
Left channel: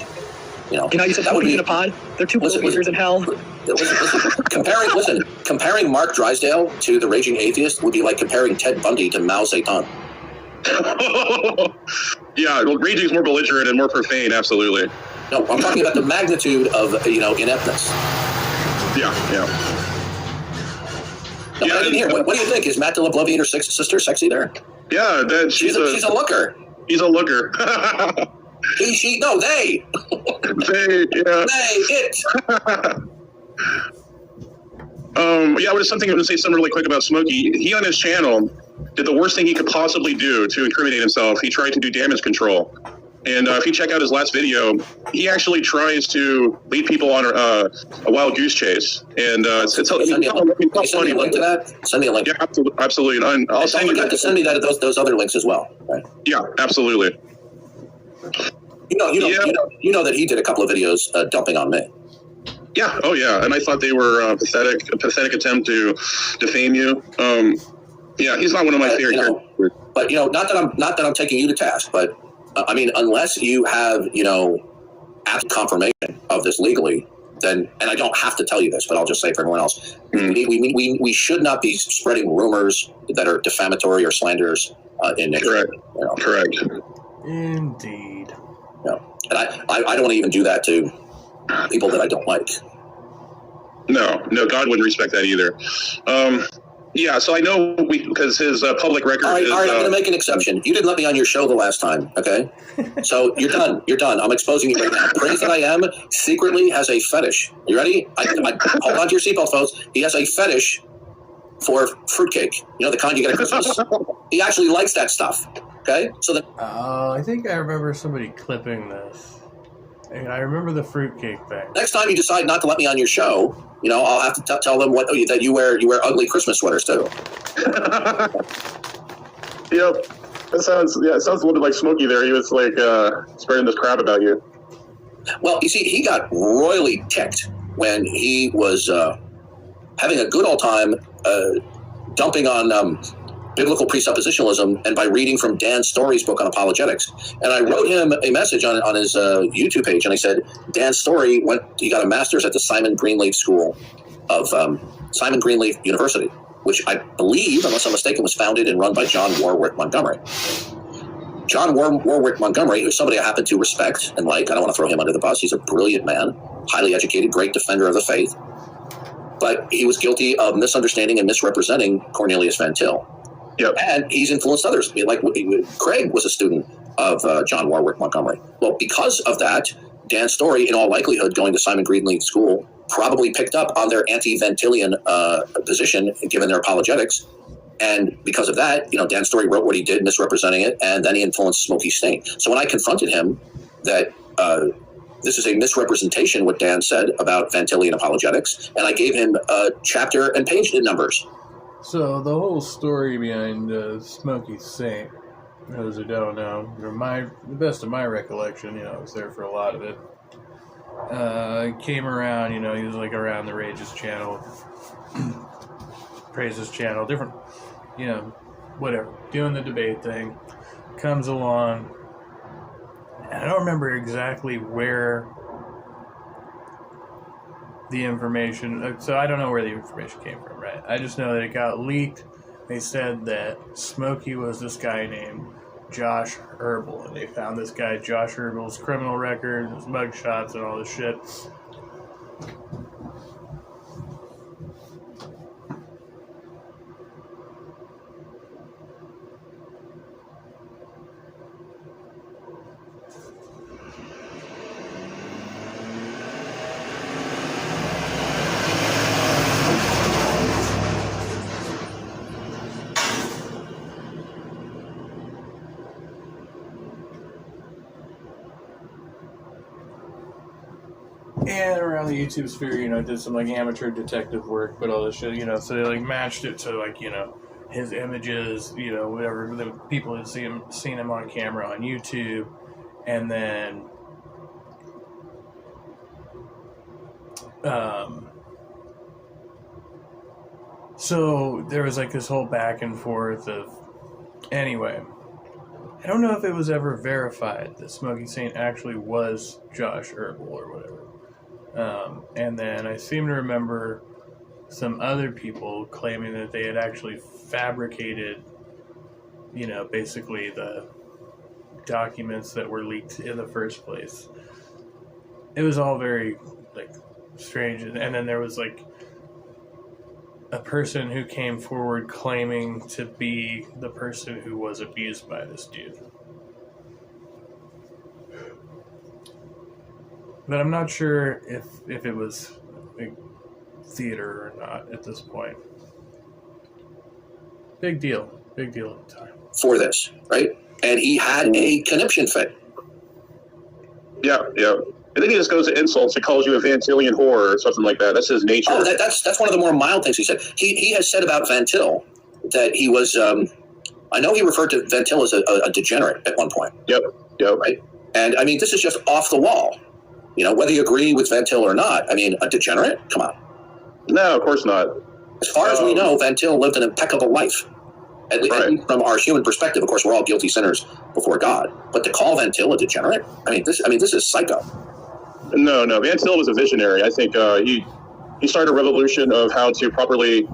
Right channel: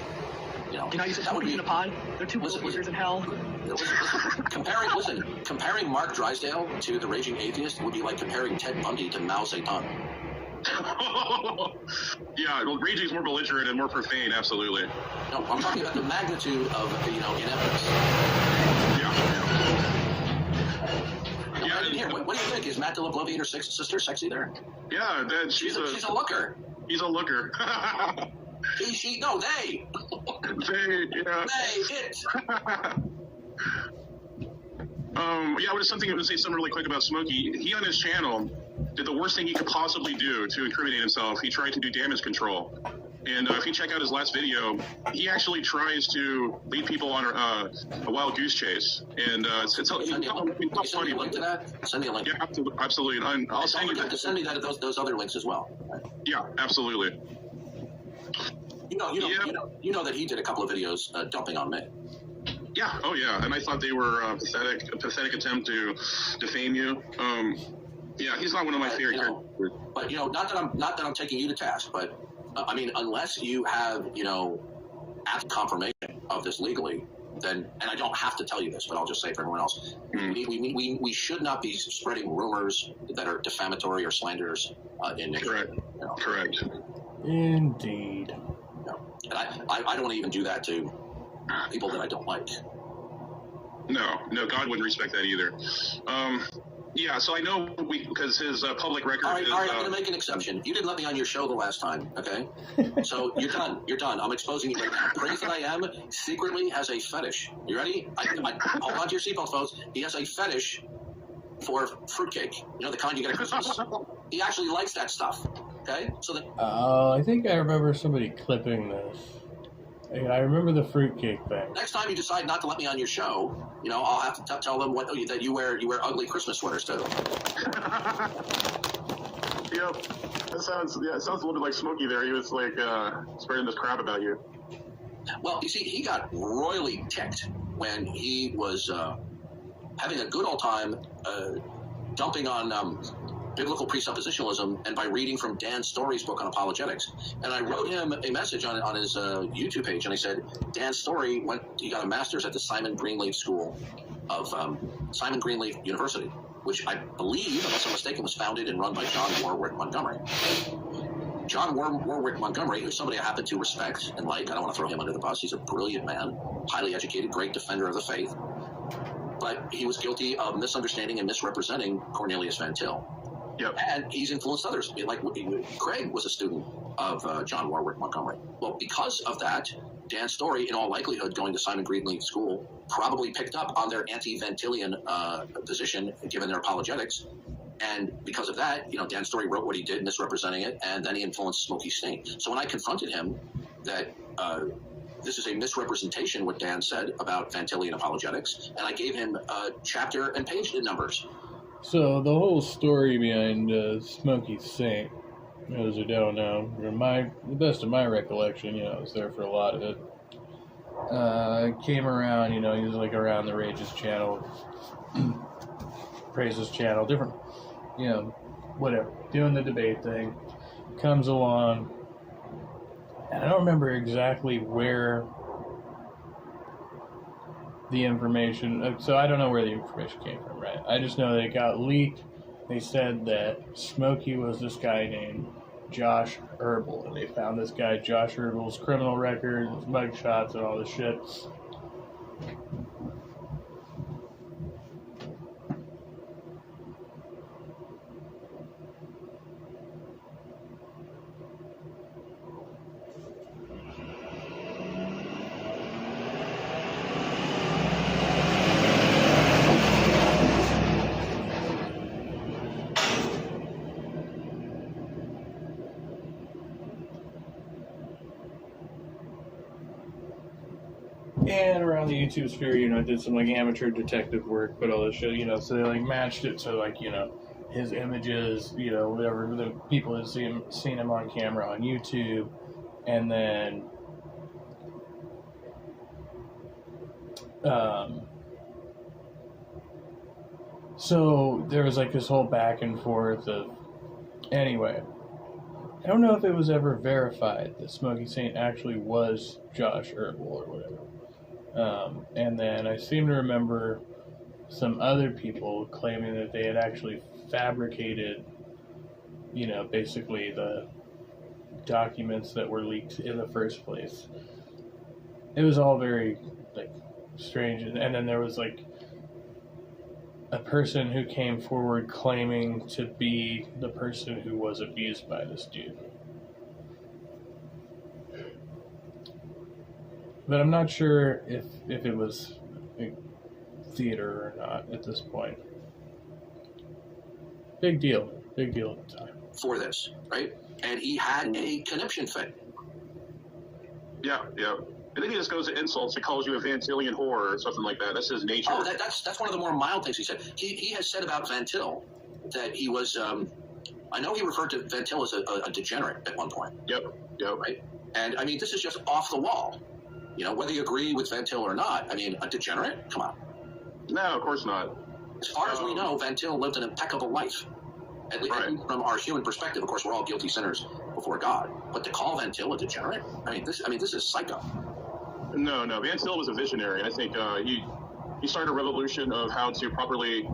You said that would be in a pod. They're two believers in hell. Comparing Mark Drysdale to the raging atheist would be like comparing Ted Bundy to Mao Zedong. Yeah, well, raging's more belligerent and more profane, absolutely. No, I'm talking about the magnitude of, ineptness. Yeah. What do you think? Is Matt Bloviator's sister sexy there? Yeah, she's a looker. He's a looker. He, she, no, they. They, yeah. They, it. Yeah, what is something I'm going to say something really quick about Smokey. He on his channel did the worst thing he could possibly do to incriminate himself. He tried to do damage control. And if you check out his last video, he actually tries to lead people on a wild goose chase. And it's funny. Send me a link to that. Send me a link. Yeah, absolutely. And I'll send you. Send me that those other links as well. Right? Yeah, absolutely. You know that he did a couple of videos dumping on me. Yeah. Oh, yeah. And I thought they were a pathetic attempt to defame you. Yeah, he's not one of my favorite characters. But not that I'm taking you to task, but I mean, unless you have absolute confirmation of this legally, then, and I don't have to tell you this, but I'll just say for everyone else, we should not be spreading rumors that are defamatory or slanderous in nature. Correct. Correct. Indeed. And I don't want to even do that to people that I don't like. No, God wouldn't respect that either. Yeah, so I know because his public record all right, is... All right, I'm going to make an exception. You didn't let me on your show the last time, okay? So you're done. You're done. I'm exposing you right now. Praise That I Am secretly has a fetish. You ready? hold on to your seatbelt, folks. He has a fetish for fruitcake. The kind you get at Christmas. He actually likes that stuff, okay? So I think I remember somebody clipping this. And I remember the fruitcake thing. Next time you decide not to let me on your show, I'll have to tell them that you wear ugly Christmas sweaters too. Yep. It sounds a little bit like Smokey there. He was like spreading this crap about you. Well, you see, he got royally ticked when he was having a good old time dumping on biblical presuppositionalism, and by reading from Dan Story's book on apologetics. And I wrote him a message on his YouTube page, and I said, Dan Story he got a master's at the Simon Greenleaf School of Simon Greenleaf University, which I believe, unless I'm mistaken, was founded and run by John Warwick Montgomery. John Warwick Montgomery, who's somebody I happen to respect and like. I don't want to throw him under the bus. He's a brilliant man, highly educated, great defender of the faith. But he was guilty of misunderstanding and misrepresenting Cornelius Van Til. Yep. And he's influenced others. Like Craig was a student of John Warwick Montgomery. Well, because of that, Dan Story, in all likelihood, going to Simon Greenleaf School, probably picked up on their anti-Ventilian position, given their apologetics. And because of that, Dan Story wrote what he did, misrepresenting it, and then he influenced Smokey Stain. So when I confronted him that this is a misrepresentation, what Dan said about Ventilian apologetics, and I gave him chapter and page numbers. So the whole story behind Smokey Saint, those who don't know, the best of my recollection, I was there for a lot of it. Came around, he was like around the Rage's channel, Praise's channel, different, whatever, doing the debate thing. Comes along, and I don't remember exactly where the information, so I don't know where the information came from, right? I just know that it got leaked. They said that Smokey was this guy named Josh Herbal, and they found this guy Josh Herbal's criminal record, his mugshots, and all this shit. And around the YouTube sphere, did some like amateur detective work, but all this shit, so they like matched it to like, his images, whatever the people had seen him on camera on YouTube, and then so there was like this whole back and forth of, anyway, I don't know if it was ever verified that Smokey Saint actually was Josh Herbal or whatever. And then I seem to remember some other people claiming that they had actually fabricated, basically the documents that were leaked in the first place. It was all very, like, strange. And then there was, like, a person who came forward claiming to be the person who was abused by this dude. But I'm not sure if it was like theater or not at this point. Big deal at the time. For this, right? And he had a conniption fit. Yeah. And then he just goes to insults. He calls you a Van Tillian whore or something like that. That's his nature. Oh, that's one of the more mild things he said. He has said about Van Til that he was. I know he referred to Van Til as a degenerate at one point. Yep. Right. And I mean, this is just off the wall. You know, whether you agree with Van Til or not. I mean, a degenerate? Come on. No, of course not. As far as we know, Van Til lived an impeccable life. At least from our human perspective, of course, we're all guilty sinners before God. But to call Van Til a degenerate, this is psycho. No. Van Til was a visionary. I think he started a revolution of how to properly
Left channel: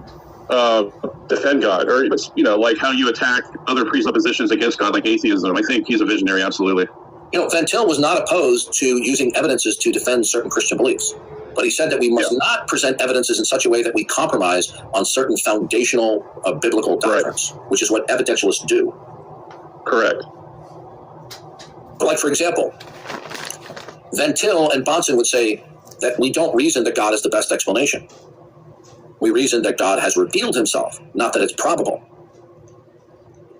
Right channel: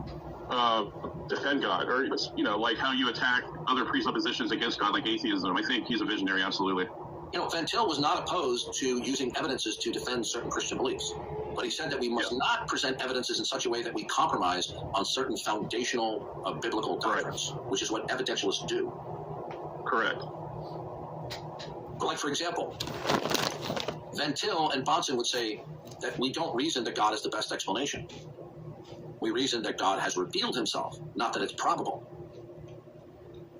defend God, or like how you attack other presuppositions against God, like atheism. I think he's a visionary, absolutely. Van Til was not opposed to using evidences to defend certain Christian beliefs. But he said that we must not present evidences in such a way that we compromise on certain foundational biblical doctrines, which is what evidentialists do. Correct. But like, for example, Van Til and Bonson would say that we don't reason that God is the best explanation. We reason that God has revealed himself, not that it's probable.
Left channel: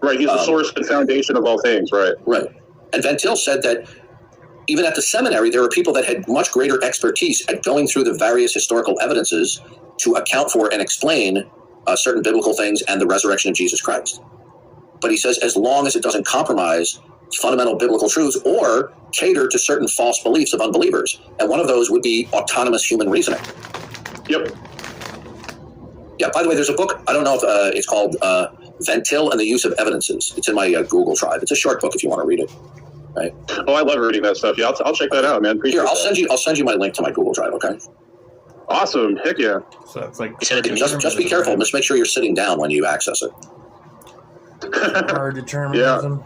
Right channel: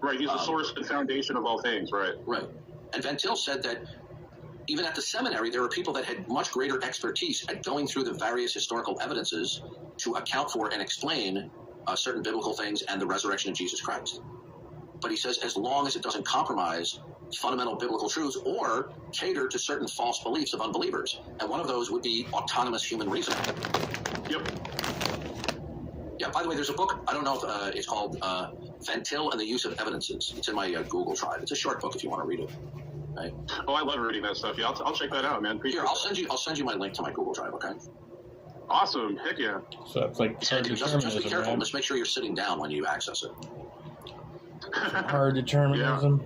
Right, he's the source and foundation of all things, right? Right. And Van Til said that even at the seminary, there were people that had much greater expertise at going through the various historical evidences to account for and explain certain biblical things and the resurrection of Jesus Christ. But he says, as long as it doesn't compromise fundamental biblical truths or cater to certain false beliefs of unbelievers. And one of those would be autonomous human reasoning. Yep. Yeah, by the way, there's a book, I don't know if it's called Van Til and the Use of Evidences. It's in my Google Drive. It's a short book if you want to read it. Right. Oh, I love reading that stuff. Yeah, I'll check that out, man. Here, I'll send you my link to my Google Drive. Okay. Awesome. Heck yeah. So it's like just be careful. Right? Just make sure you're sitting down when you access it. Hard determinism.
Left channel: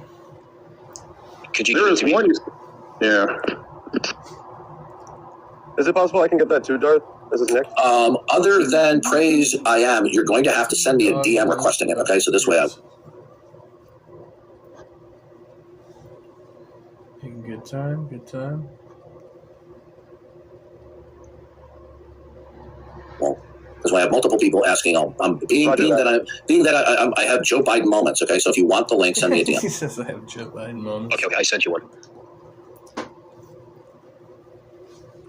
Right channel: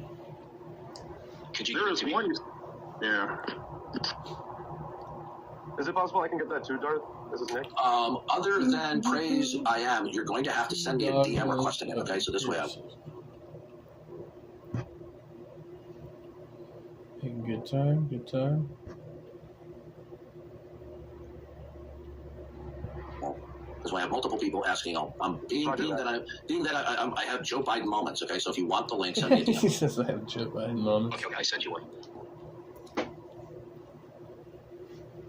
Could you? There is one. Yeah. Is it possible I can get that too, Darth? Is this next? Other than praise, I am. You're going to have to send me a DM requesting it. Okay, so this way. Good time. Well, because I have multiple people asking. Being that I have Joe Biden moments. Okay, so if you want the link, send me a DM. He says I have Joe Biden moments. Okay, I sent you one.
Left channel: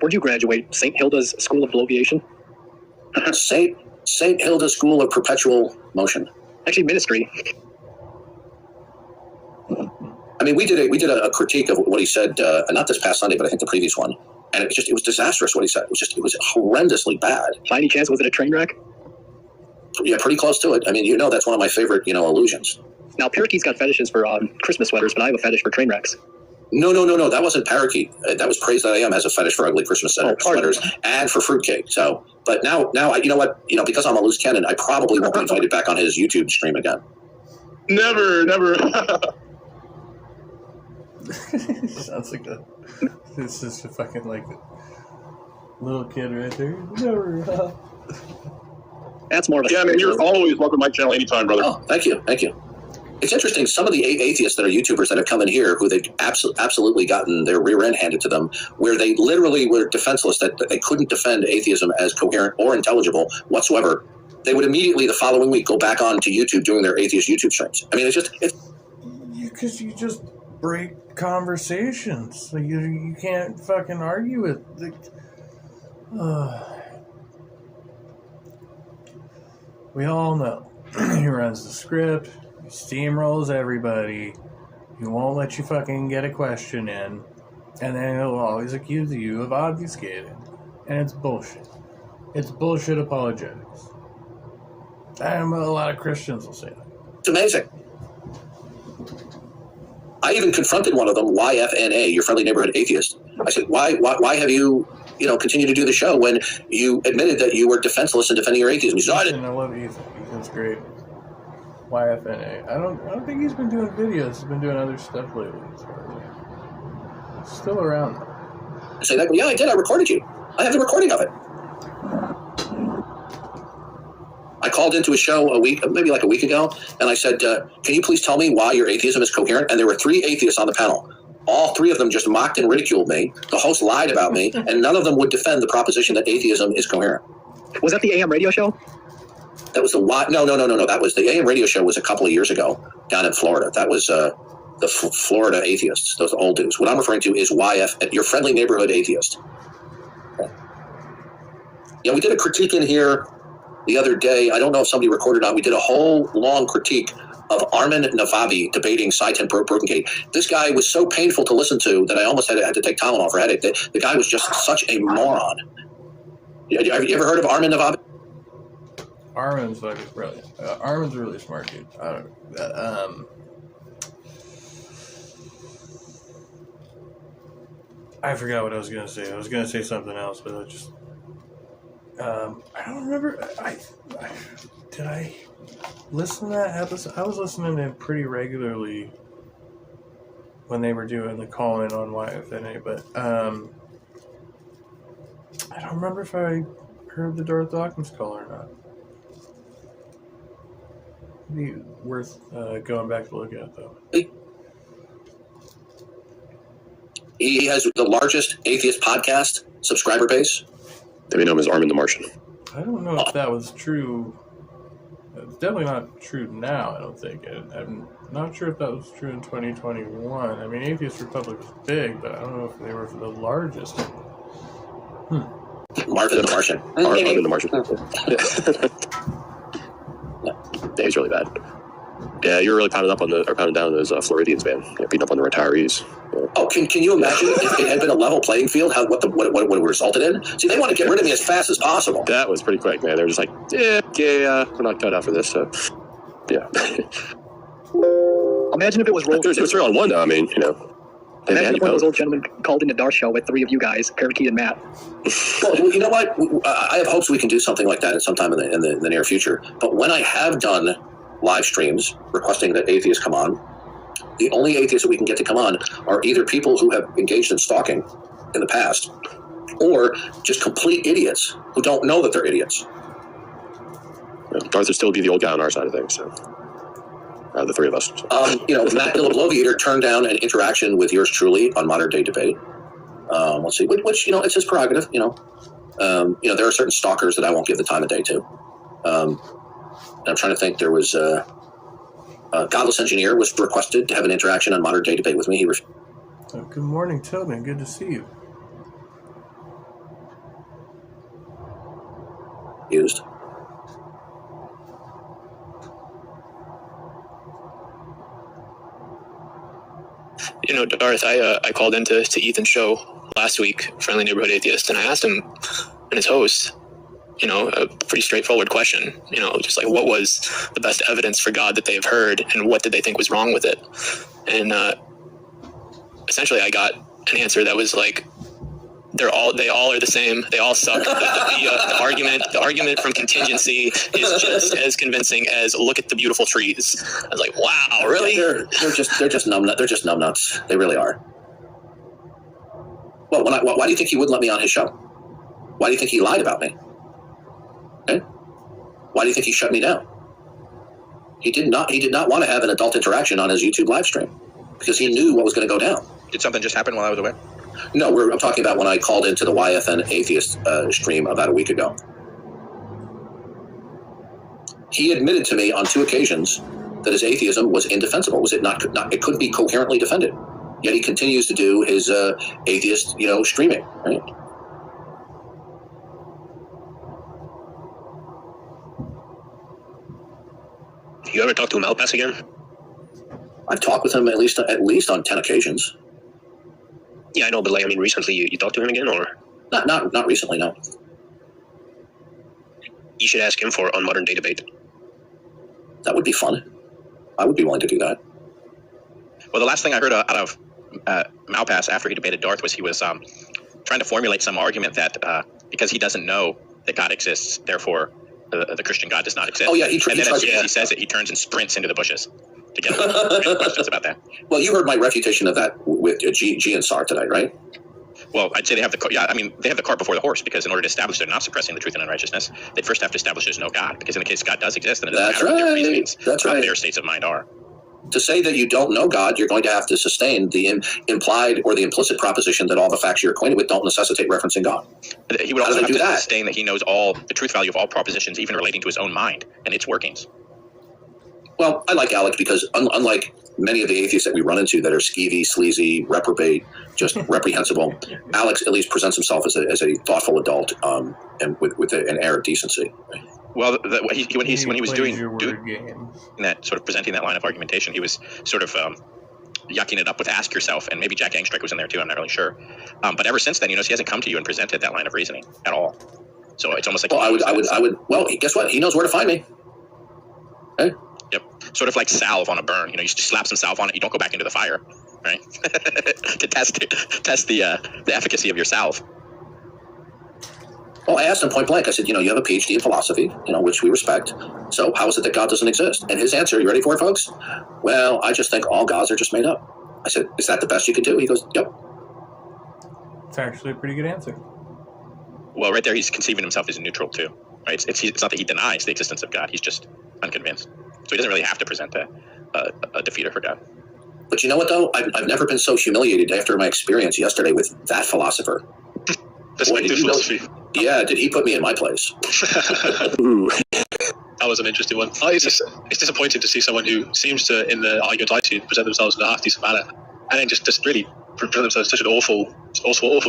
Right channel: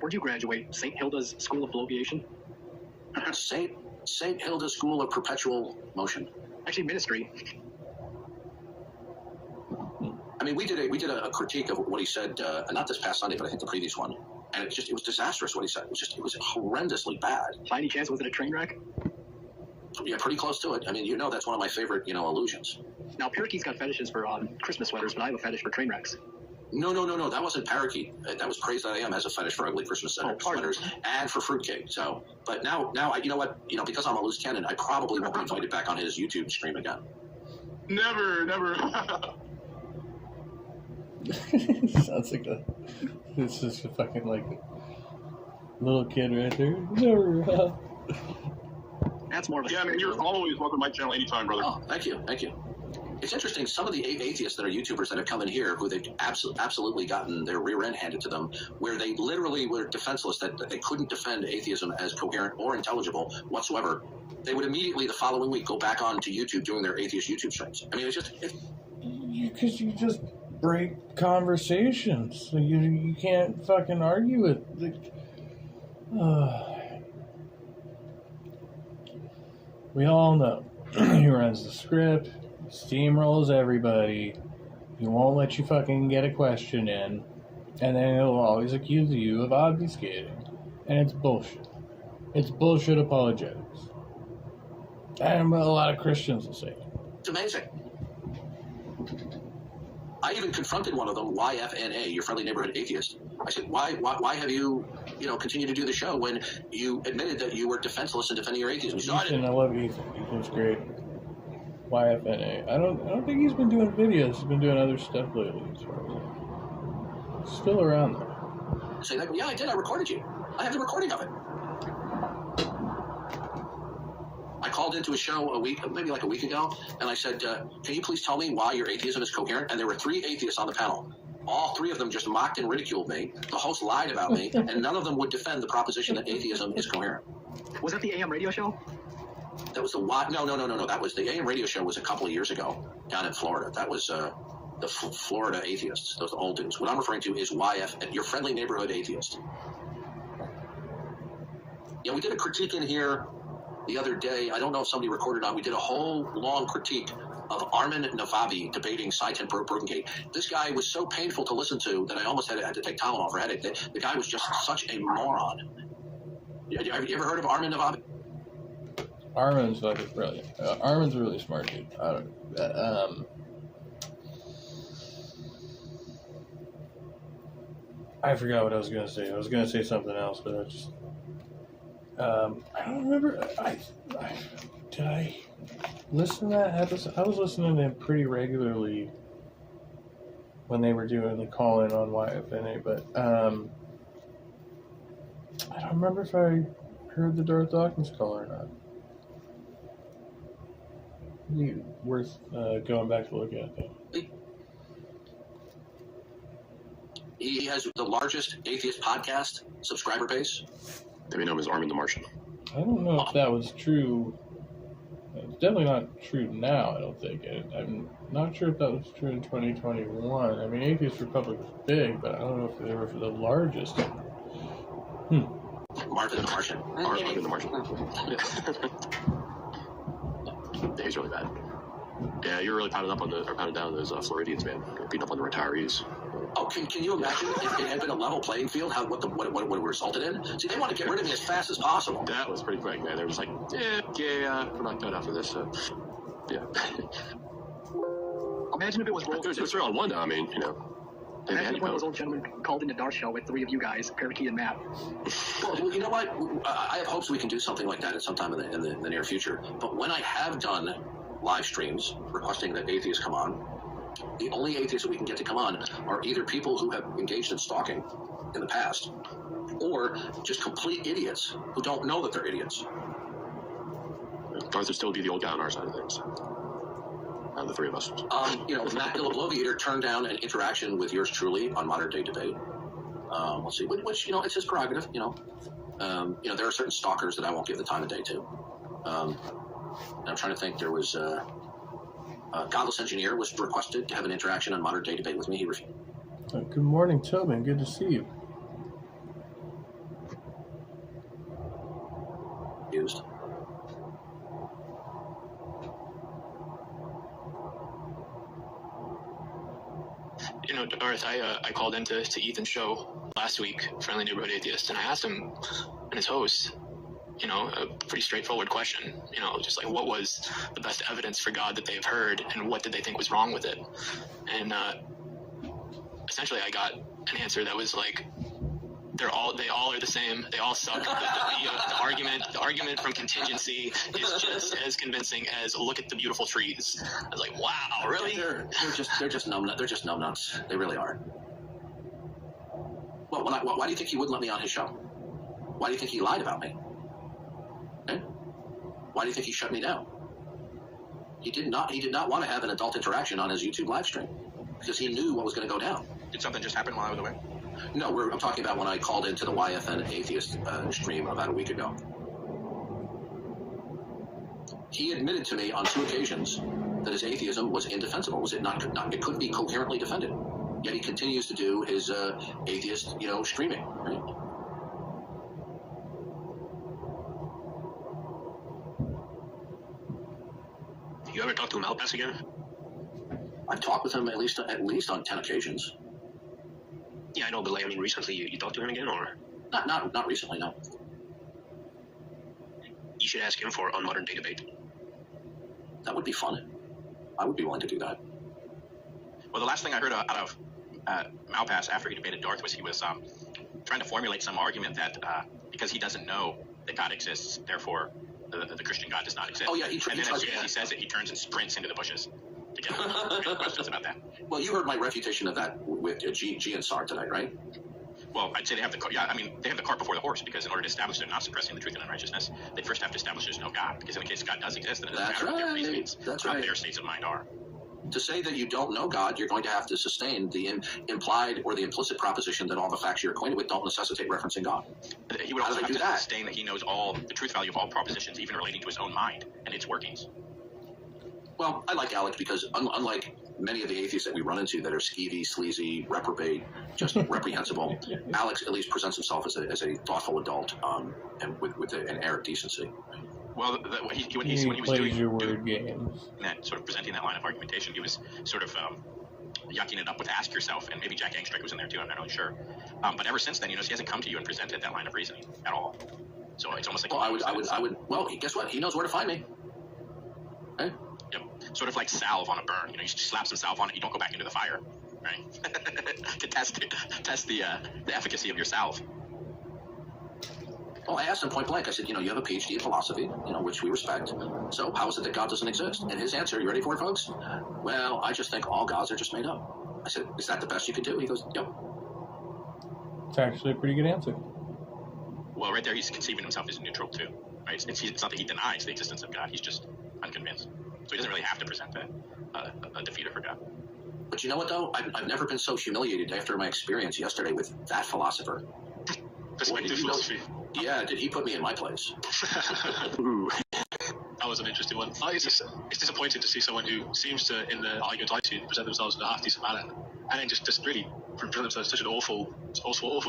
Where'd you graduate? St. Hilda's School of Bloviation? St. Hilda School of Perpetual Motion. Actually, ministry. I mean, we did a critique of what he said, not this past Sunday, but I think the previous one, and it was disastrous what he said. It was horrendously bad. By any chance, was it a train wreck? Yeah, pretty close to it. I mean, that's one of my favorite, illusions. Now, Parakeet's got fetishes for Christmas sweaters, but I have a fetish for train wrecks. No. That wasn't Parakeet. That was Praise That I Am has a fetish for ugly Christmas sweaters and for fruitcake. So, but now, you know what? Because I'm a loose cannon, I probably won't be invited back on his YouTube stream again. Never. Sounds like it's just a fucking little kid right there. Never. That's more of a. Yeah, man, you're always welcome to my channel anytime, brother. Oh, thank you. It's interesting. Some of the atheists that are YouTubers that have come in here, who they've absolutely gotten their rear end handed to them, where they literally were defenseless, that they couldn't defend atheism as coherent or intelligible whatsoever. They would immediately the following week go back on to YouTube doing their atheist YouTube streams. I mean, it's because you just break conversations. You can't fucking argue with. We all know he runs the script. Steamrolls everybody. He won't let you fucking get a question in, and then he'll always accuse you of obfuscating, and it's bullshit. It's bullshit apologetics. And a lot of Christians will say that. It's amazing. I even confronted one of them, YFNA, your friendly neighborhood atheist. I said, why have you, continued to do the show when you admitted that you were defenseless in defending your atheism? He said, I love Ethan. Ethan's great. YFNA. I don't think he's been doing videos. He's been doing other stuff lately, as far as I know. He's still around, though. I say, yeah, I did. I recorded you. I have the recording of it. I called into a show maybe a week ago, and I said, can you please tell me why your atheism is coherent? And there were 3 atheists on the panel. All 3 of them just mocked and ridiculed me. The host lied about me, and none of them would defend the proposition that atheism is coherent. Was that the AM radio show? That was the no. That was the AM radio show. Was a couple of years ago down in Florida. That was the Florida atheists. Those old dudes. What I'm referring to is YF, your friendly neighborhood atheist. Okay. Yeah, we did a critique in here the other day. I don't know if somebody recorded on. We did a whole long critique of Armin Navabi debating Saitin Protengate. This guy was so painful to listen to that I almost had to take Tylenol for headache. The guy was just such a moron. Have you ever heard of Armin Navabi? Armin's fucking brilliant. Armin's a really smart dude. I don't know. I forgot what I was going to say. I was going to say something else, but I just... I don't remember. Did I listen to that episode? I was listening to it pretty regularly when they were doing the call-in on YFNA, but I don't remember if I heard the Darth Dawkins call or not. It'd be worth going back to look at, though. He has the largest atheist podcast subscriber base. They may know him as Armin the Martian. I don't know if that was true. It's definitely not true now, I don't think. I'm not sure if that was true in 2021. I mean, Atheist Republic was big, but I don't know if they were the largest. Marvin the Martian. Marvin the Martian. Yeah, he's really bad. Yeah, you're really pounding down those Floridians, man. Yeah, beating up on the retirees. Yeah. Oh, can you imagine if it had been a level playing field, what it resulted in? See, they want to get rid of me as fast as possible. That was pretty quick, man. They were just like, we're not cut out for this. So, yeah. Imagine if it was It was 3-on-1, though. I mean, Imagine if one of those old gentlemen called into Darth show with 3 of you guys, Parakeet and Matt. Well, you know what? I have hopes we can do something like that at some time in the near future. But when I have done live streams requesting that atheists come on, the only atheists that we can get to come on are either people who have engaged in stalking in the past or just complete idiots who don't know that they're idiots. Darth would still be the old guy on our side of things, so the 3 of us. So. Matt Bloviator turned down an interaction with yours truly on Modern Day Debate. Let's see, which it's his prerogative. There are certain stalkers that I won't give the time of day to. I'm trying to think. There was Godless Engineer was requested to have an interaction on Modern Day Debate with me. He good morning, Tobin. Good to see you. refused. Darth, I called into Ethan's show last week, Friendly Neighborhood Atheist, and I asked him and his host, a pretty straightforward question, just like what was the best evidence for God that they've heard and what did they think was wrong with it? And essentially I got an answer that was like, they all are the same. They all suck. The argument from contingency is just as convincing as look at the beautiful trees. I was like, wow, really? They're just numbnuts. They're just numbnuts. They really are. Well, why do you think he wouldn't let me on his show? Why do you think he lied about me? Okay? Why do you think he shut me down? He did not want to have an adult interaction on his YouTube live stream because he knew what was going to go down. Did something just happen while I was away? No, I'm talking about when I called into the YFN Atheist stream about a week ago. He admitted to me on 2 occasions that his atheism was indefensible. Was it not? It couldn't be coherently defended. Yet he continues to do his atheist, streaming. Right? You ever talk to him Malpass again? I've talked with him at least on 10 occasions. Yeah, I know, but recently you talked to him again, or not recently, no. You should ask him for on Modern Day Debate. That would be fun. I would be willing to do that. Well, the last thing I heard out of Malpass after he debated Darth was he was trying to formulate some argument that because he doesn't know that God exists, therefore the Christian God does not exist. Oh yeah, and then as soon as he says it, he turns and sprints into the bushes to get questions about that. Well, you heard my refutation of that with G and SAR tonight, right? Well, I'd say they have the cart before the horse, because in order to establish they're not suppressing the truth and unrighteousness, they first have to establish there's no God. Because in the case God does exist, then it doesn't matter what their reasonings about their states of mind are. To say that you don't know God, you're going to have to sustain the implied or the implicit proposition that all the facts you're acquainted with don't necessitate referencing God. He would also have to sustain that he knows all the truth value of all propositions, even relating to his own mind and its workings. Well, I like Alec because unlike many of the atheists that we run into that are skeevy, sleazy, reprobate, just reprehensible, Alex at least presents himself as a thoughtful adult and with an air of decency. Well, when he was doing games. that sort of presenting that line of argumentation, he was sort of yucking it up with "ask yourself," and maybe Jack Angstreich was in there too. I'm not really sure. But ever since then, he hasn't come to you and presented that line of reasoning at all. So it's almost like I would. Well, guess what? He knows where to find me. Hey. Yep. Sort of like salve on a burn. You just slap some salve on it. You don't go back into the fire, right? To test the efficacy of your salve. Well, I asked him point blank. I said, you have a PhD in philosophy, which we respect. So how is it that God doesn't exist? And his answer, you ready for it, folks? Well, I just think all gods are just made up. I said, is that the best you could do? He goes, yep. It's actually a pretty good answer. Well, right there, he's conceiving himself as neutral too, right? It's not that he denies the existence of God. He's just unconvinced. So he doesn't really have to present a defeater for God. But you know what, though? I've never been so humiliated after my experience yesterday with that philosopher. Perspective philosophy. Yeah, did he put me in my place? That was an interesting one. It's disappointing to see someone who seems to, in the argument I see, present themselves in a half-decent manner, and then just really present themselves in such an awful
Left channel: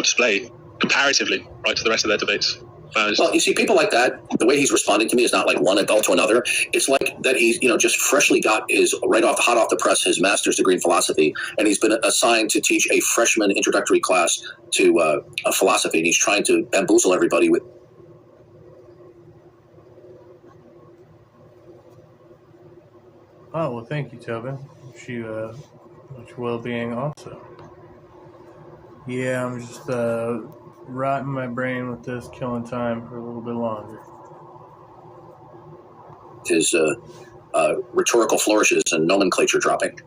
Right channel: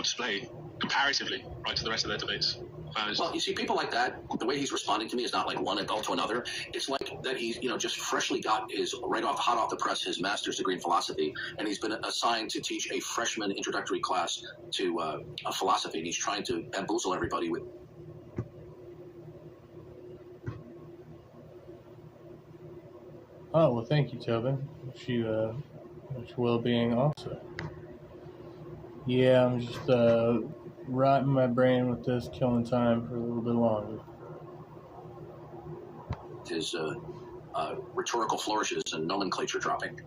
display comparatively, right, to the rest of their debates. Well, you see, people like that, the way he's responding to me is not like one adult to another. It's like that he's, just freshly got hot off the press, his master's degree in philosophy, and he's been assigned to teach a freshman introductory class to philosophy, and he's trying to bamboozle everybody with. Oh, well, thank you, Tobin. Wish you much well-being also. Yeah, I'm just rotting my brain with this, killing time for a little bit longer. His rhetorical flourishes and nomenclature dropping.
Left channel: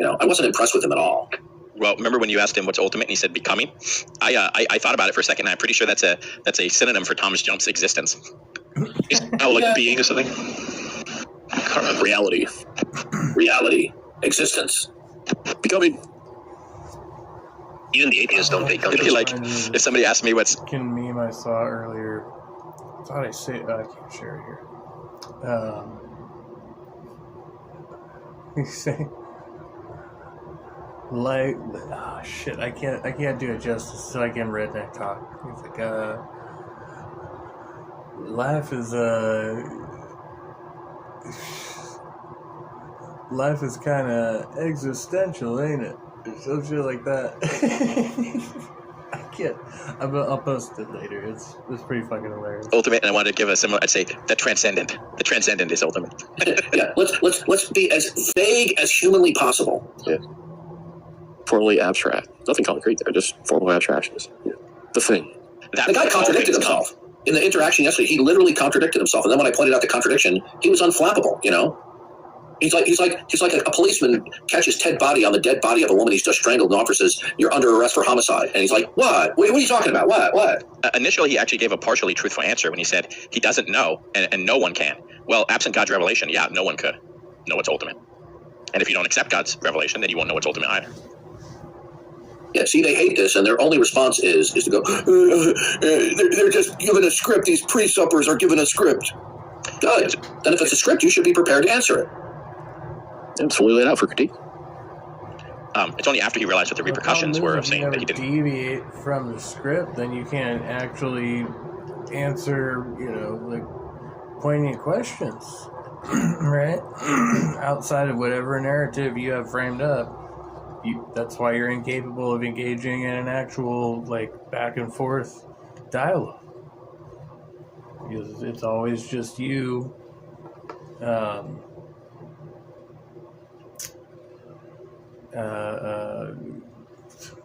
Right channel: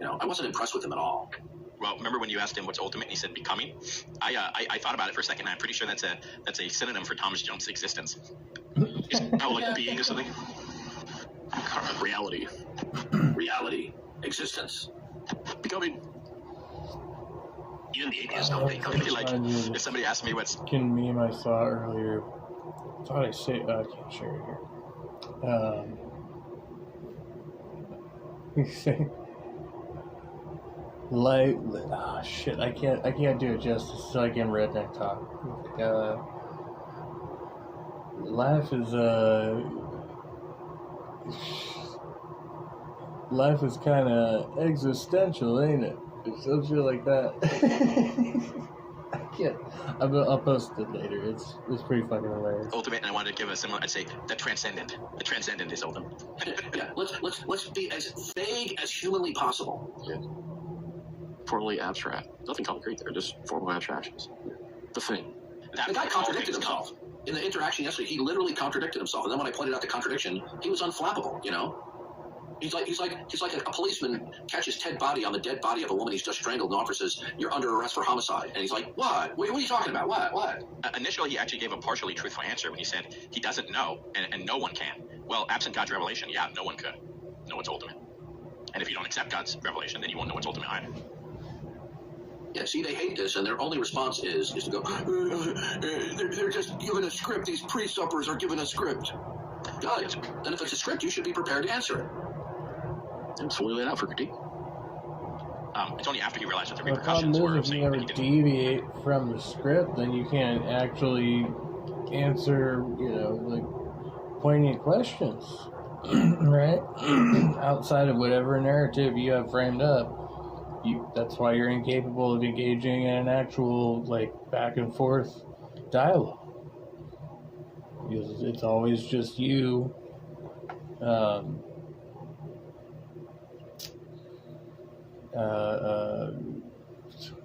I wasn't impressed with him at all. Well, remember when you asked him what's ultimate and he said becoming? I thought about it for a second, and I'm pretty sure that's a synonym for Thomas Jump's existence. Being or something? Reality. Reality. Existence. Becoming. Even the atheists don't become. Like, if somebody asked me what's... meme I saw earlier, I thought I can't share it here. He's saying, shit, I can't do it justice, so I can redneck talk. He's like, life is kind of existential, ain't it? Or some shit like that. I can't. I'll post it later. It's pretty fucking hilarious. Ultimate, and I wanted to give a similar. I'd say the transcendent. The transcendent is ultimate. Yeah, let's be as vague as humanly possible. Yeah. Formally abstract. Nothing concrete there. Just formal abstractions. Yeah. The thing. The guy contradicted himself in the interaction yesterday. He literally contradicted himself, and then when I pointed out the contradiction, he was unflappable. He's like a policeman catches Ted Body on the dead body of a woman he's just strangled, and the officer says, "You're under arrest for homicide." And he's like, "What? What are you talking about? What?" Initially, he actually gave a partially truthful answer when he said he doesn't know, and no one can. Well, absent God's revelation, yeah, no one could know what's ultimate. And if you don't accept God's revelation, then you won't know what's ultimate either. Yeah, see, they hate this, and their only response is to go, they're just given a script. These pre-suppers are given a script. Good. Then if it's a script, you should be prepared to answer it. It's fully laid out for critique. It's only after he realized what the repercussions were of saying that he didn't deviate from the script, then you can't actually answer, like poignant questions, right? Outside of whatever narrative you have framed up. That's why you're incapable of engaging in an actual, back and forth dialogue. Because it's always just you.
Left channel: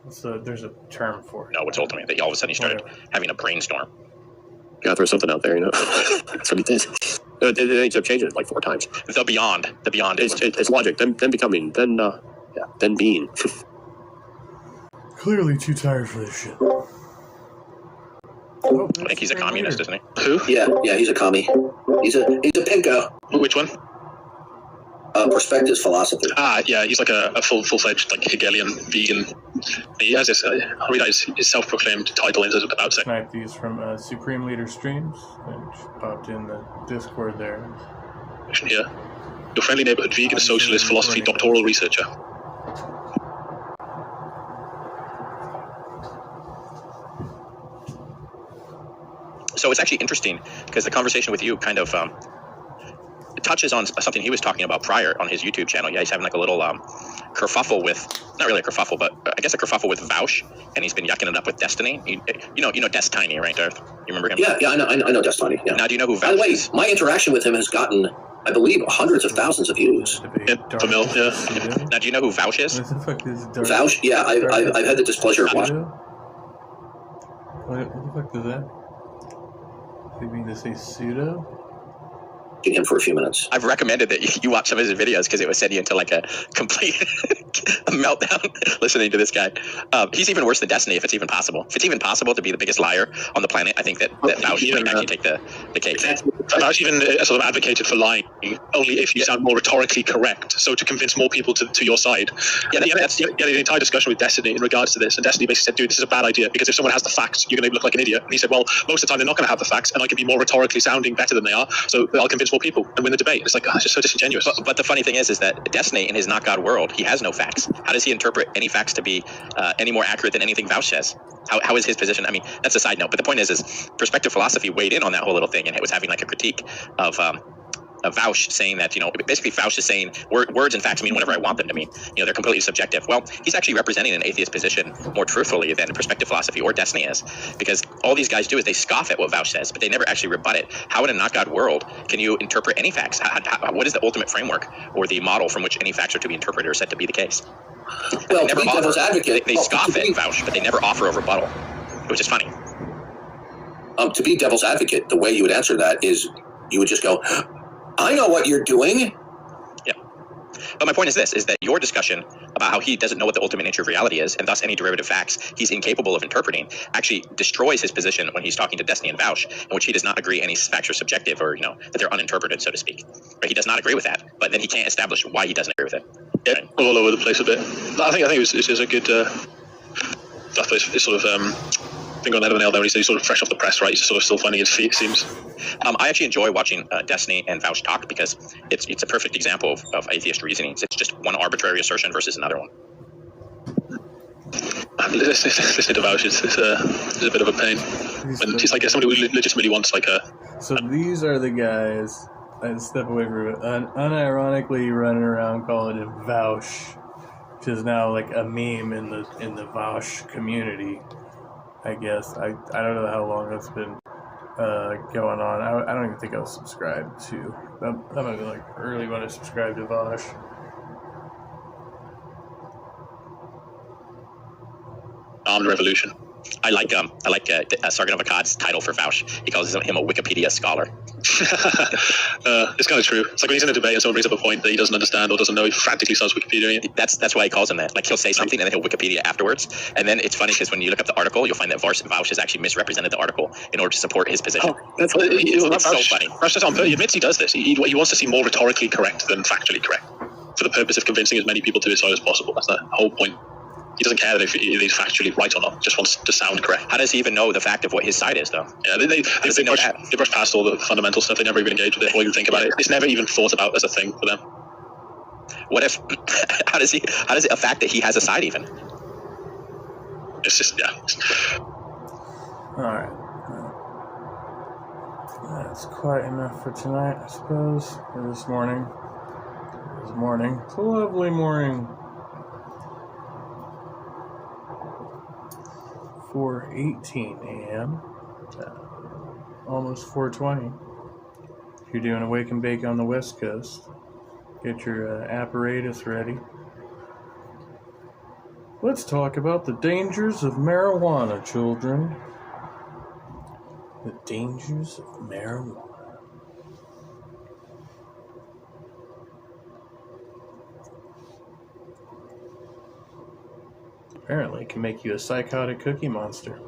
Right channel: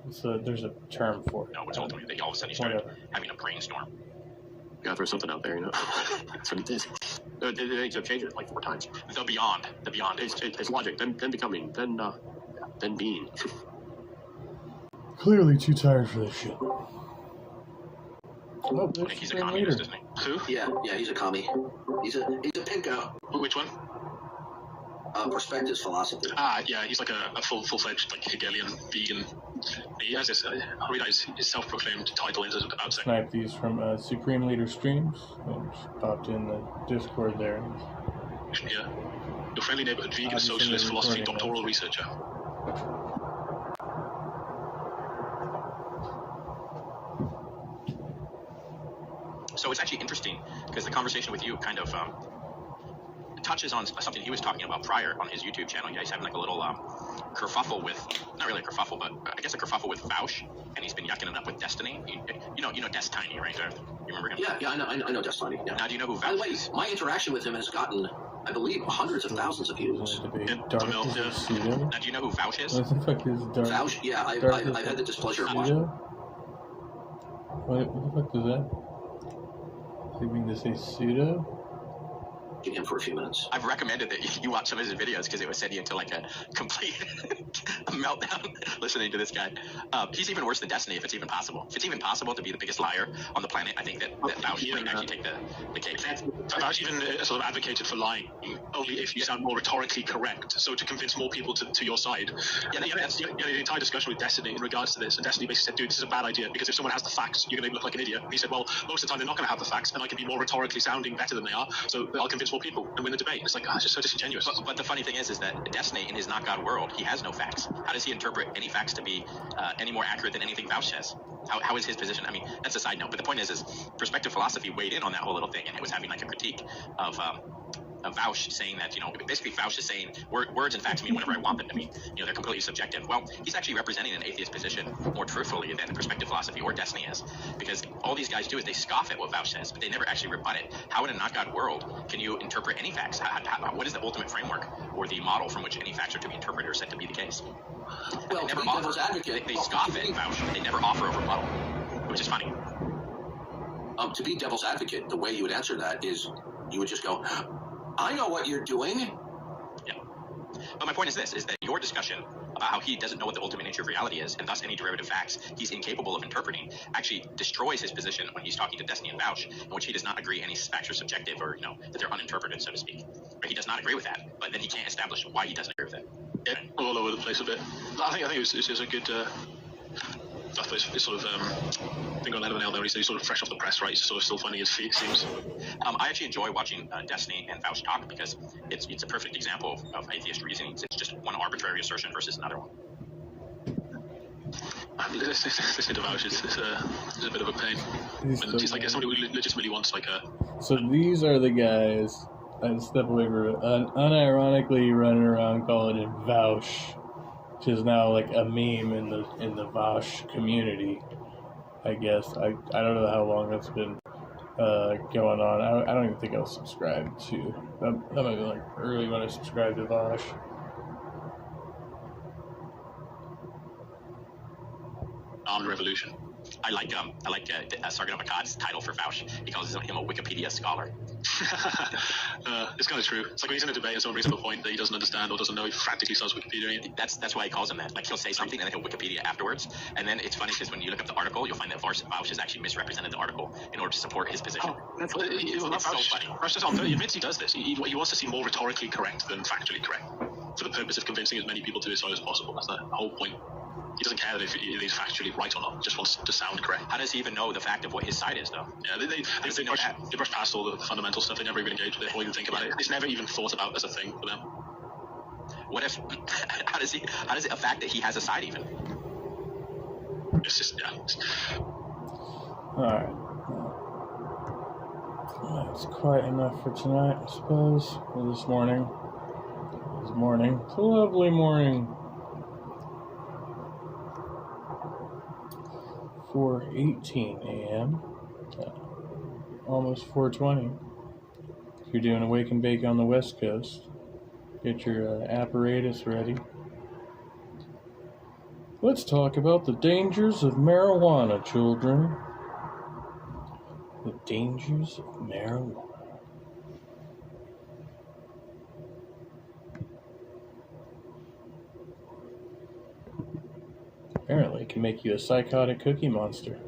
So there's a term for it. No, it's ultimate. That all of a sudden he started having a brainstorm. Gotta throw something out there, That's what he did. They ended up changing it 4 times. The beyond. It's logic. Then becoming. Then being. Clearly too tired for this shit. I think he's a communist, isn't he? Who? Yeah, he's a commie. He's a pinko. Which one? Perspectives philosophy. Yeah, he's like a full-fledged like Hegelian vegan. He has this. I'll read out his self-proclaimed title is about saying. Snipe these from Supreme Leader Streams, and she popped in the Discord there. Here, your friendly neighborhood vegan socialist philosophy doctoral researcher. So it's actually interesting because the conversation with you kind of touches on something he was talking about prior on his YouTube channel. Yeah, he's having like a little kerfuffle with, not really a kerfuffle, but I guess a kerfuffle with Vaush, and he's been yucking it up with Destiny. You know Destiny, right, Darth? You remember him? Yeah, I know Destiny. Yeah. Now, do you know who Vaush By the way, is? my interaction with him has gotten, I believe, hundreds of thousands of views. Yeah. Now, do you know who Vaush is? What the fuck is Darth? Vaush? Yeah, I've had the displeasure of watching. What the fuck is that? Do you mean to say pseudo? Him for a few minutes. I've recommended that you watch some of his videos because it would send you into like a complete meltdown listening to this guy. He's even worse than Destiny, if it's even possible. If it's even possible to be the biggest liar on the planet, I think that Vaush might actually take the cake. Vaush even sort of advocated for lying only if you sound more rhetorically correct. So to convince more people to your side. Yeah, the entire discussion with Destiny in regards to this, and Destiny basically said, "Dude, this is a bad idea because if someone has the facts, you're going to look like an idiot." And he said, "Well, most of the time they're not going to have the facts, and I can be more rhetorically sounding better than they are, so I'll convince more people and win the debate." It's like, it's just so disingenuous. But the funny thing is that Destiny, in his not God world, he has no facts. How does he interpret any facts to be any more accurate than anything Vaush says? How is his position? I mean, that's a side note. But the point is perspective philosophy weighed in on that whole little thing, and it was having like a critique of Vaush saying that, basically Vaush is saying words and facts mean whatever I want them to mean. They're completely subjective. Well, he's actually representing an atheist position more truthfully than perspective philosophy or Destiny is, because all these guys do is they scoff at what Vaush says, but they never actually rebut it. How in a not God world can you interpret any facts? What is the ultimate framework or the model from which any facts are to be interpreted or said to be the case? Well, they never to be devil's advocate, they scoff at Vaush, but they never offer a rebuttal, which is funny. To be devil's advocate, the way you would answer that is you would just go, I know what you're doing. Yeah. But my point is this, is that your discussion about how he doesn't know what the ultimate nature of reality is, and thus any derivative facts he's incapable of interpreting, actually destroys his position when he's talking to Destiny and Vaush, in which he does not agree any facts are subjective or, that they're uninterpreted, so to speak. Right? He does not agree with that, but then he can't establish why he doesn't agree with it. Yeah, right? All over the place a bit. I think it was a good... that place is sort of... I think on the head of a nail there when he said he's sort of fresh off the press, right? He's sort of still finding his feet, it seems. I actually enjoy watching Destiny and Vaush talk because it's a perfect example of atheist reasoning. It's just one arbitrary assertion versus another one. Listening to Vaush is a bit of a pain. He's like somebody who legitimately wants like a... So these are the guys, I'd step away from it, unironically running around calling him Vaush, which is now like a meme in the Vaush community. I guess. I don't know how long that's been going on. I don't even think I was subscribed to. That might be like early when I subscribed to Vaush. Armed Revolution. I like Sergeant of Akkad's title for Vaush. He calls him a Wikipedia scholar. It's kind of true. It's like when he's in a debate and someone brings up a point that he doesn't understand or doesn't know, he frantically starts Wikipediaing it. That's why he calls him that. Like, he'll say something and then he'll Wikipedia afterwards. And then it's funny because when you look up the article, you'll find that Vaush has actually misrepresented the article in order to support his position. Oh, it's so funny. Vaush he admits he does this. He wants to seem more rhetorically correct than factually correct for the purpose of convincing as many people to his side as possible. That's the whole point. He doesn't care that if he's factually right or not. Just wants to sound correct. How does he even know the fact of what his side is, though? Yeah, they brush past all the fundamental stuff. They never even engage with it or even think about it. It's never even thought about as a thing for them. What if? How does it a fact that he has a side even? It's just All right. That's quite enough for tonight, I suppose. Or this morning. It's morning. It's a lovely morning. 4:18 a.m. Almost 4:20. If you're doing a wake and bake on the West Coast, get your apparatus ready. Let's talk about the dangers of marijuana, children. The dangers of marijuana. Apparently, it can make you a psychotic cookie monster.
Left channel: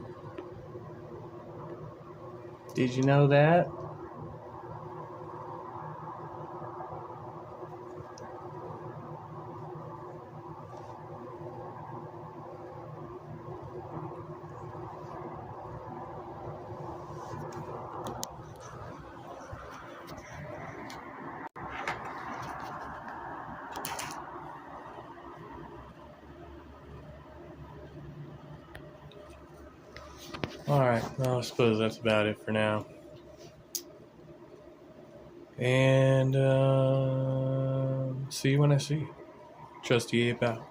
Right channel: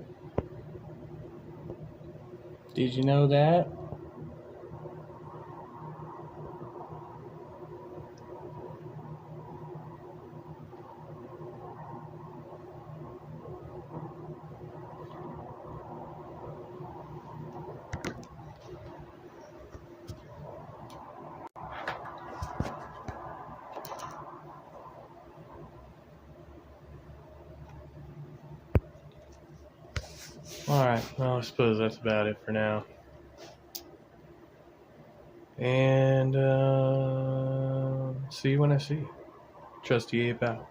Did you know that? Alright, well, I suppose that's about it for now. And see you when I see you. Trusty Ape out.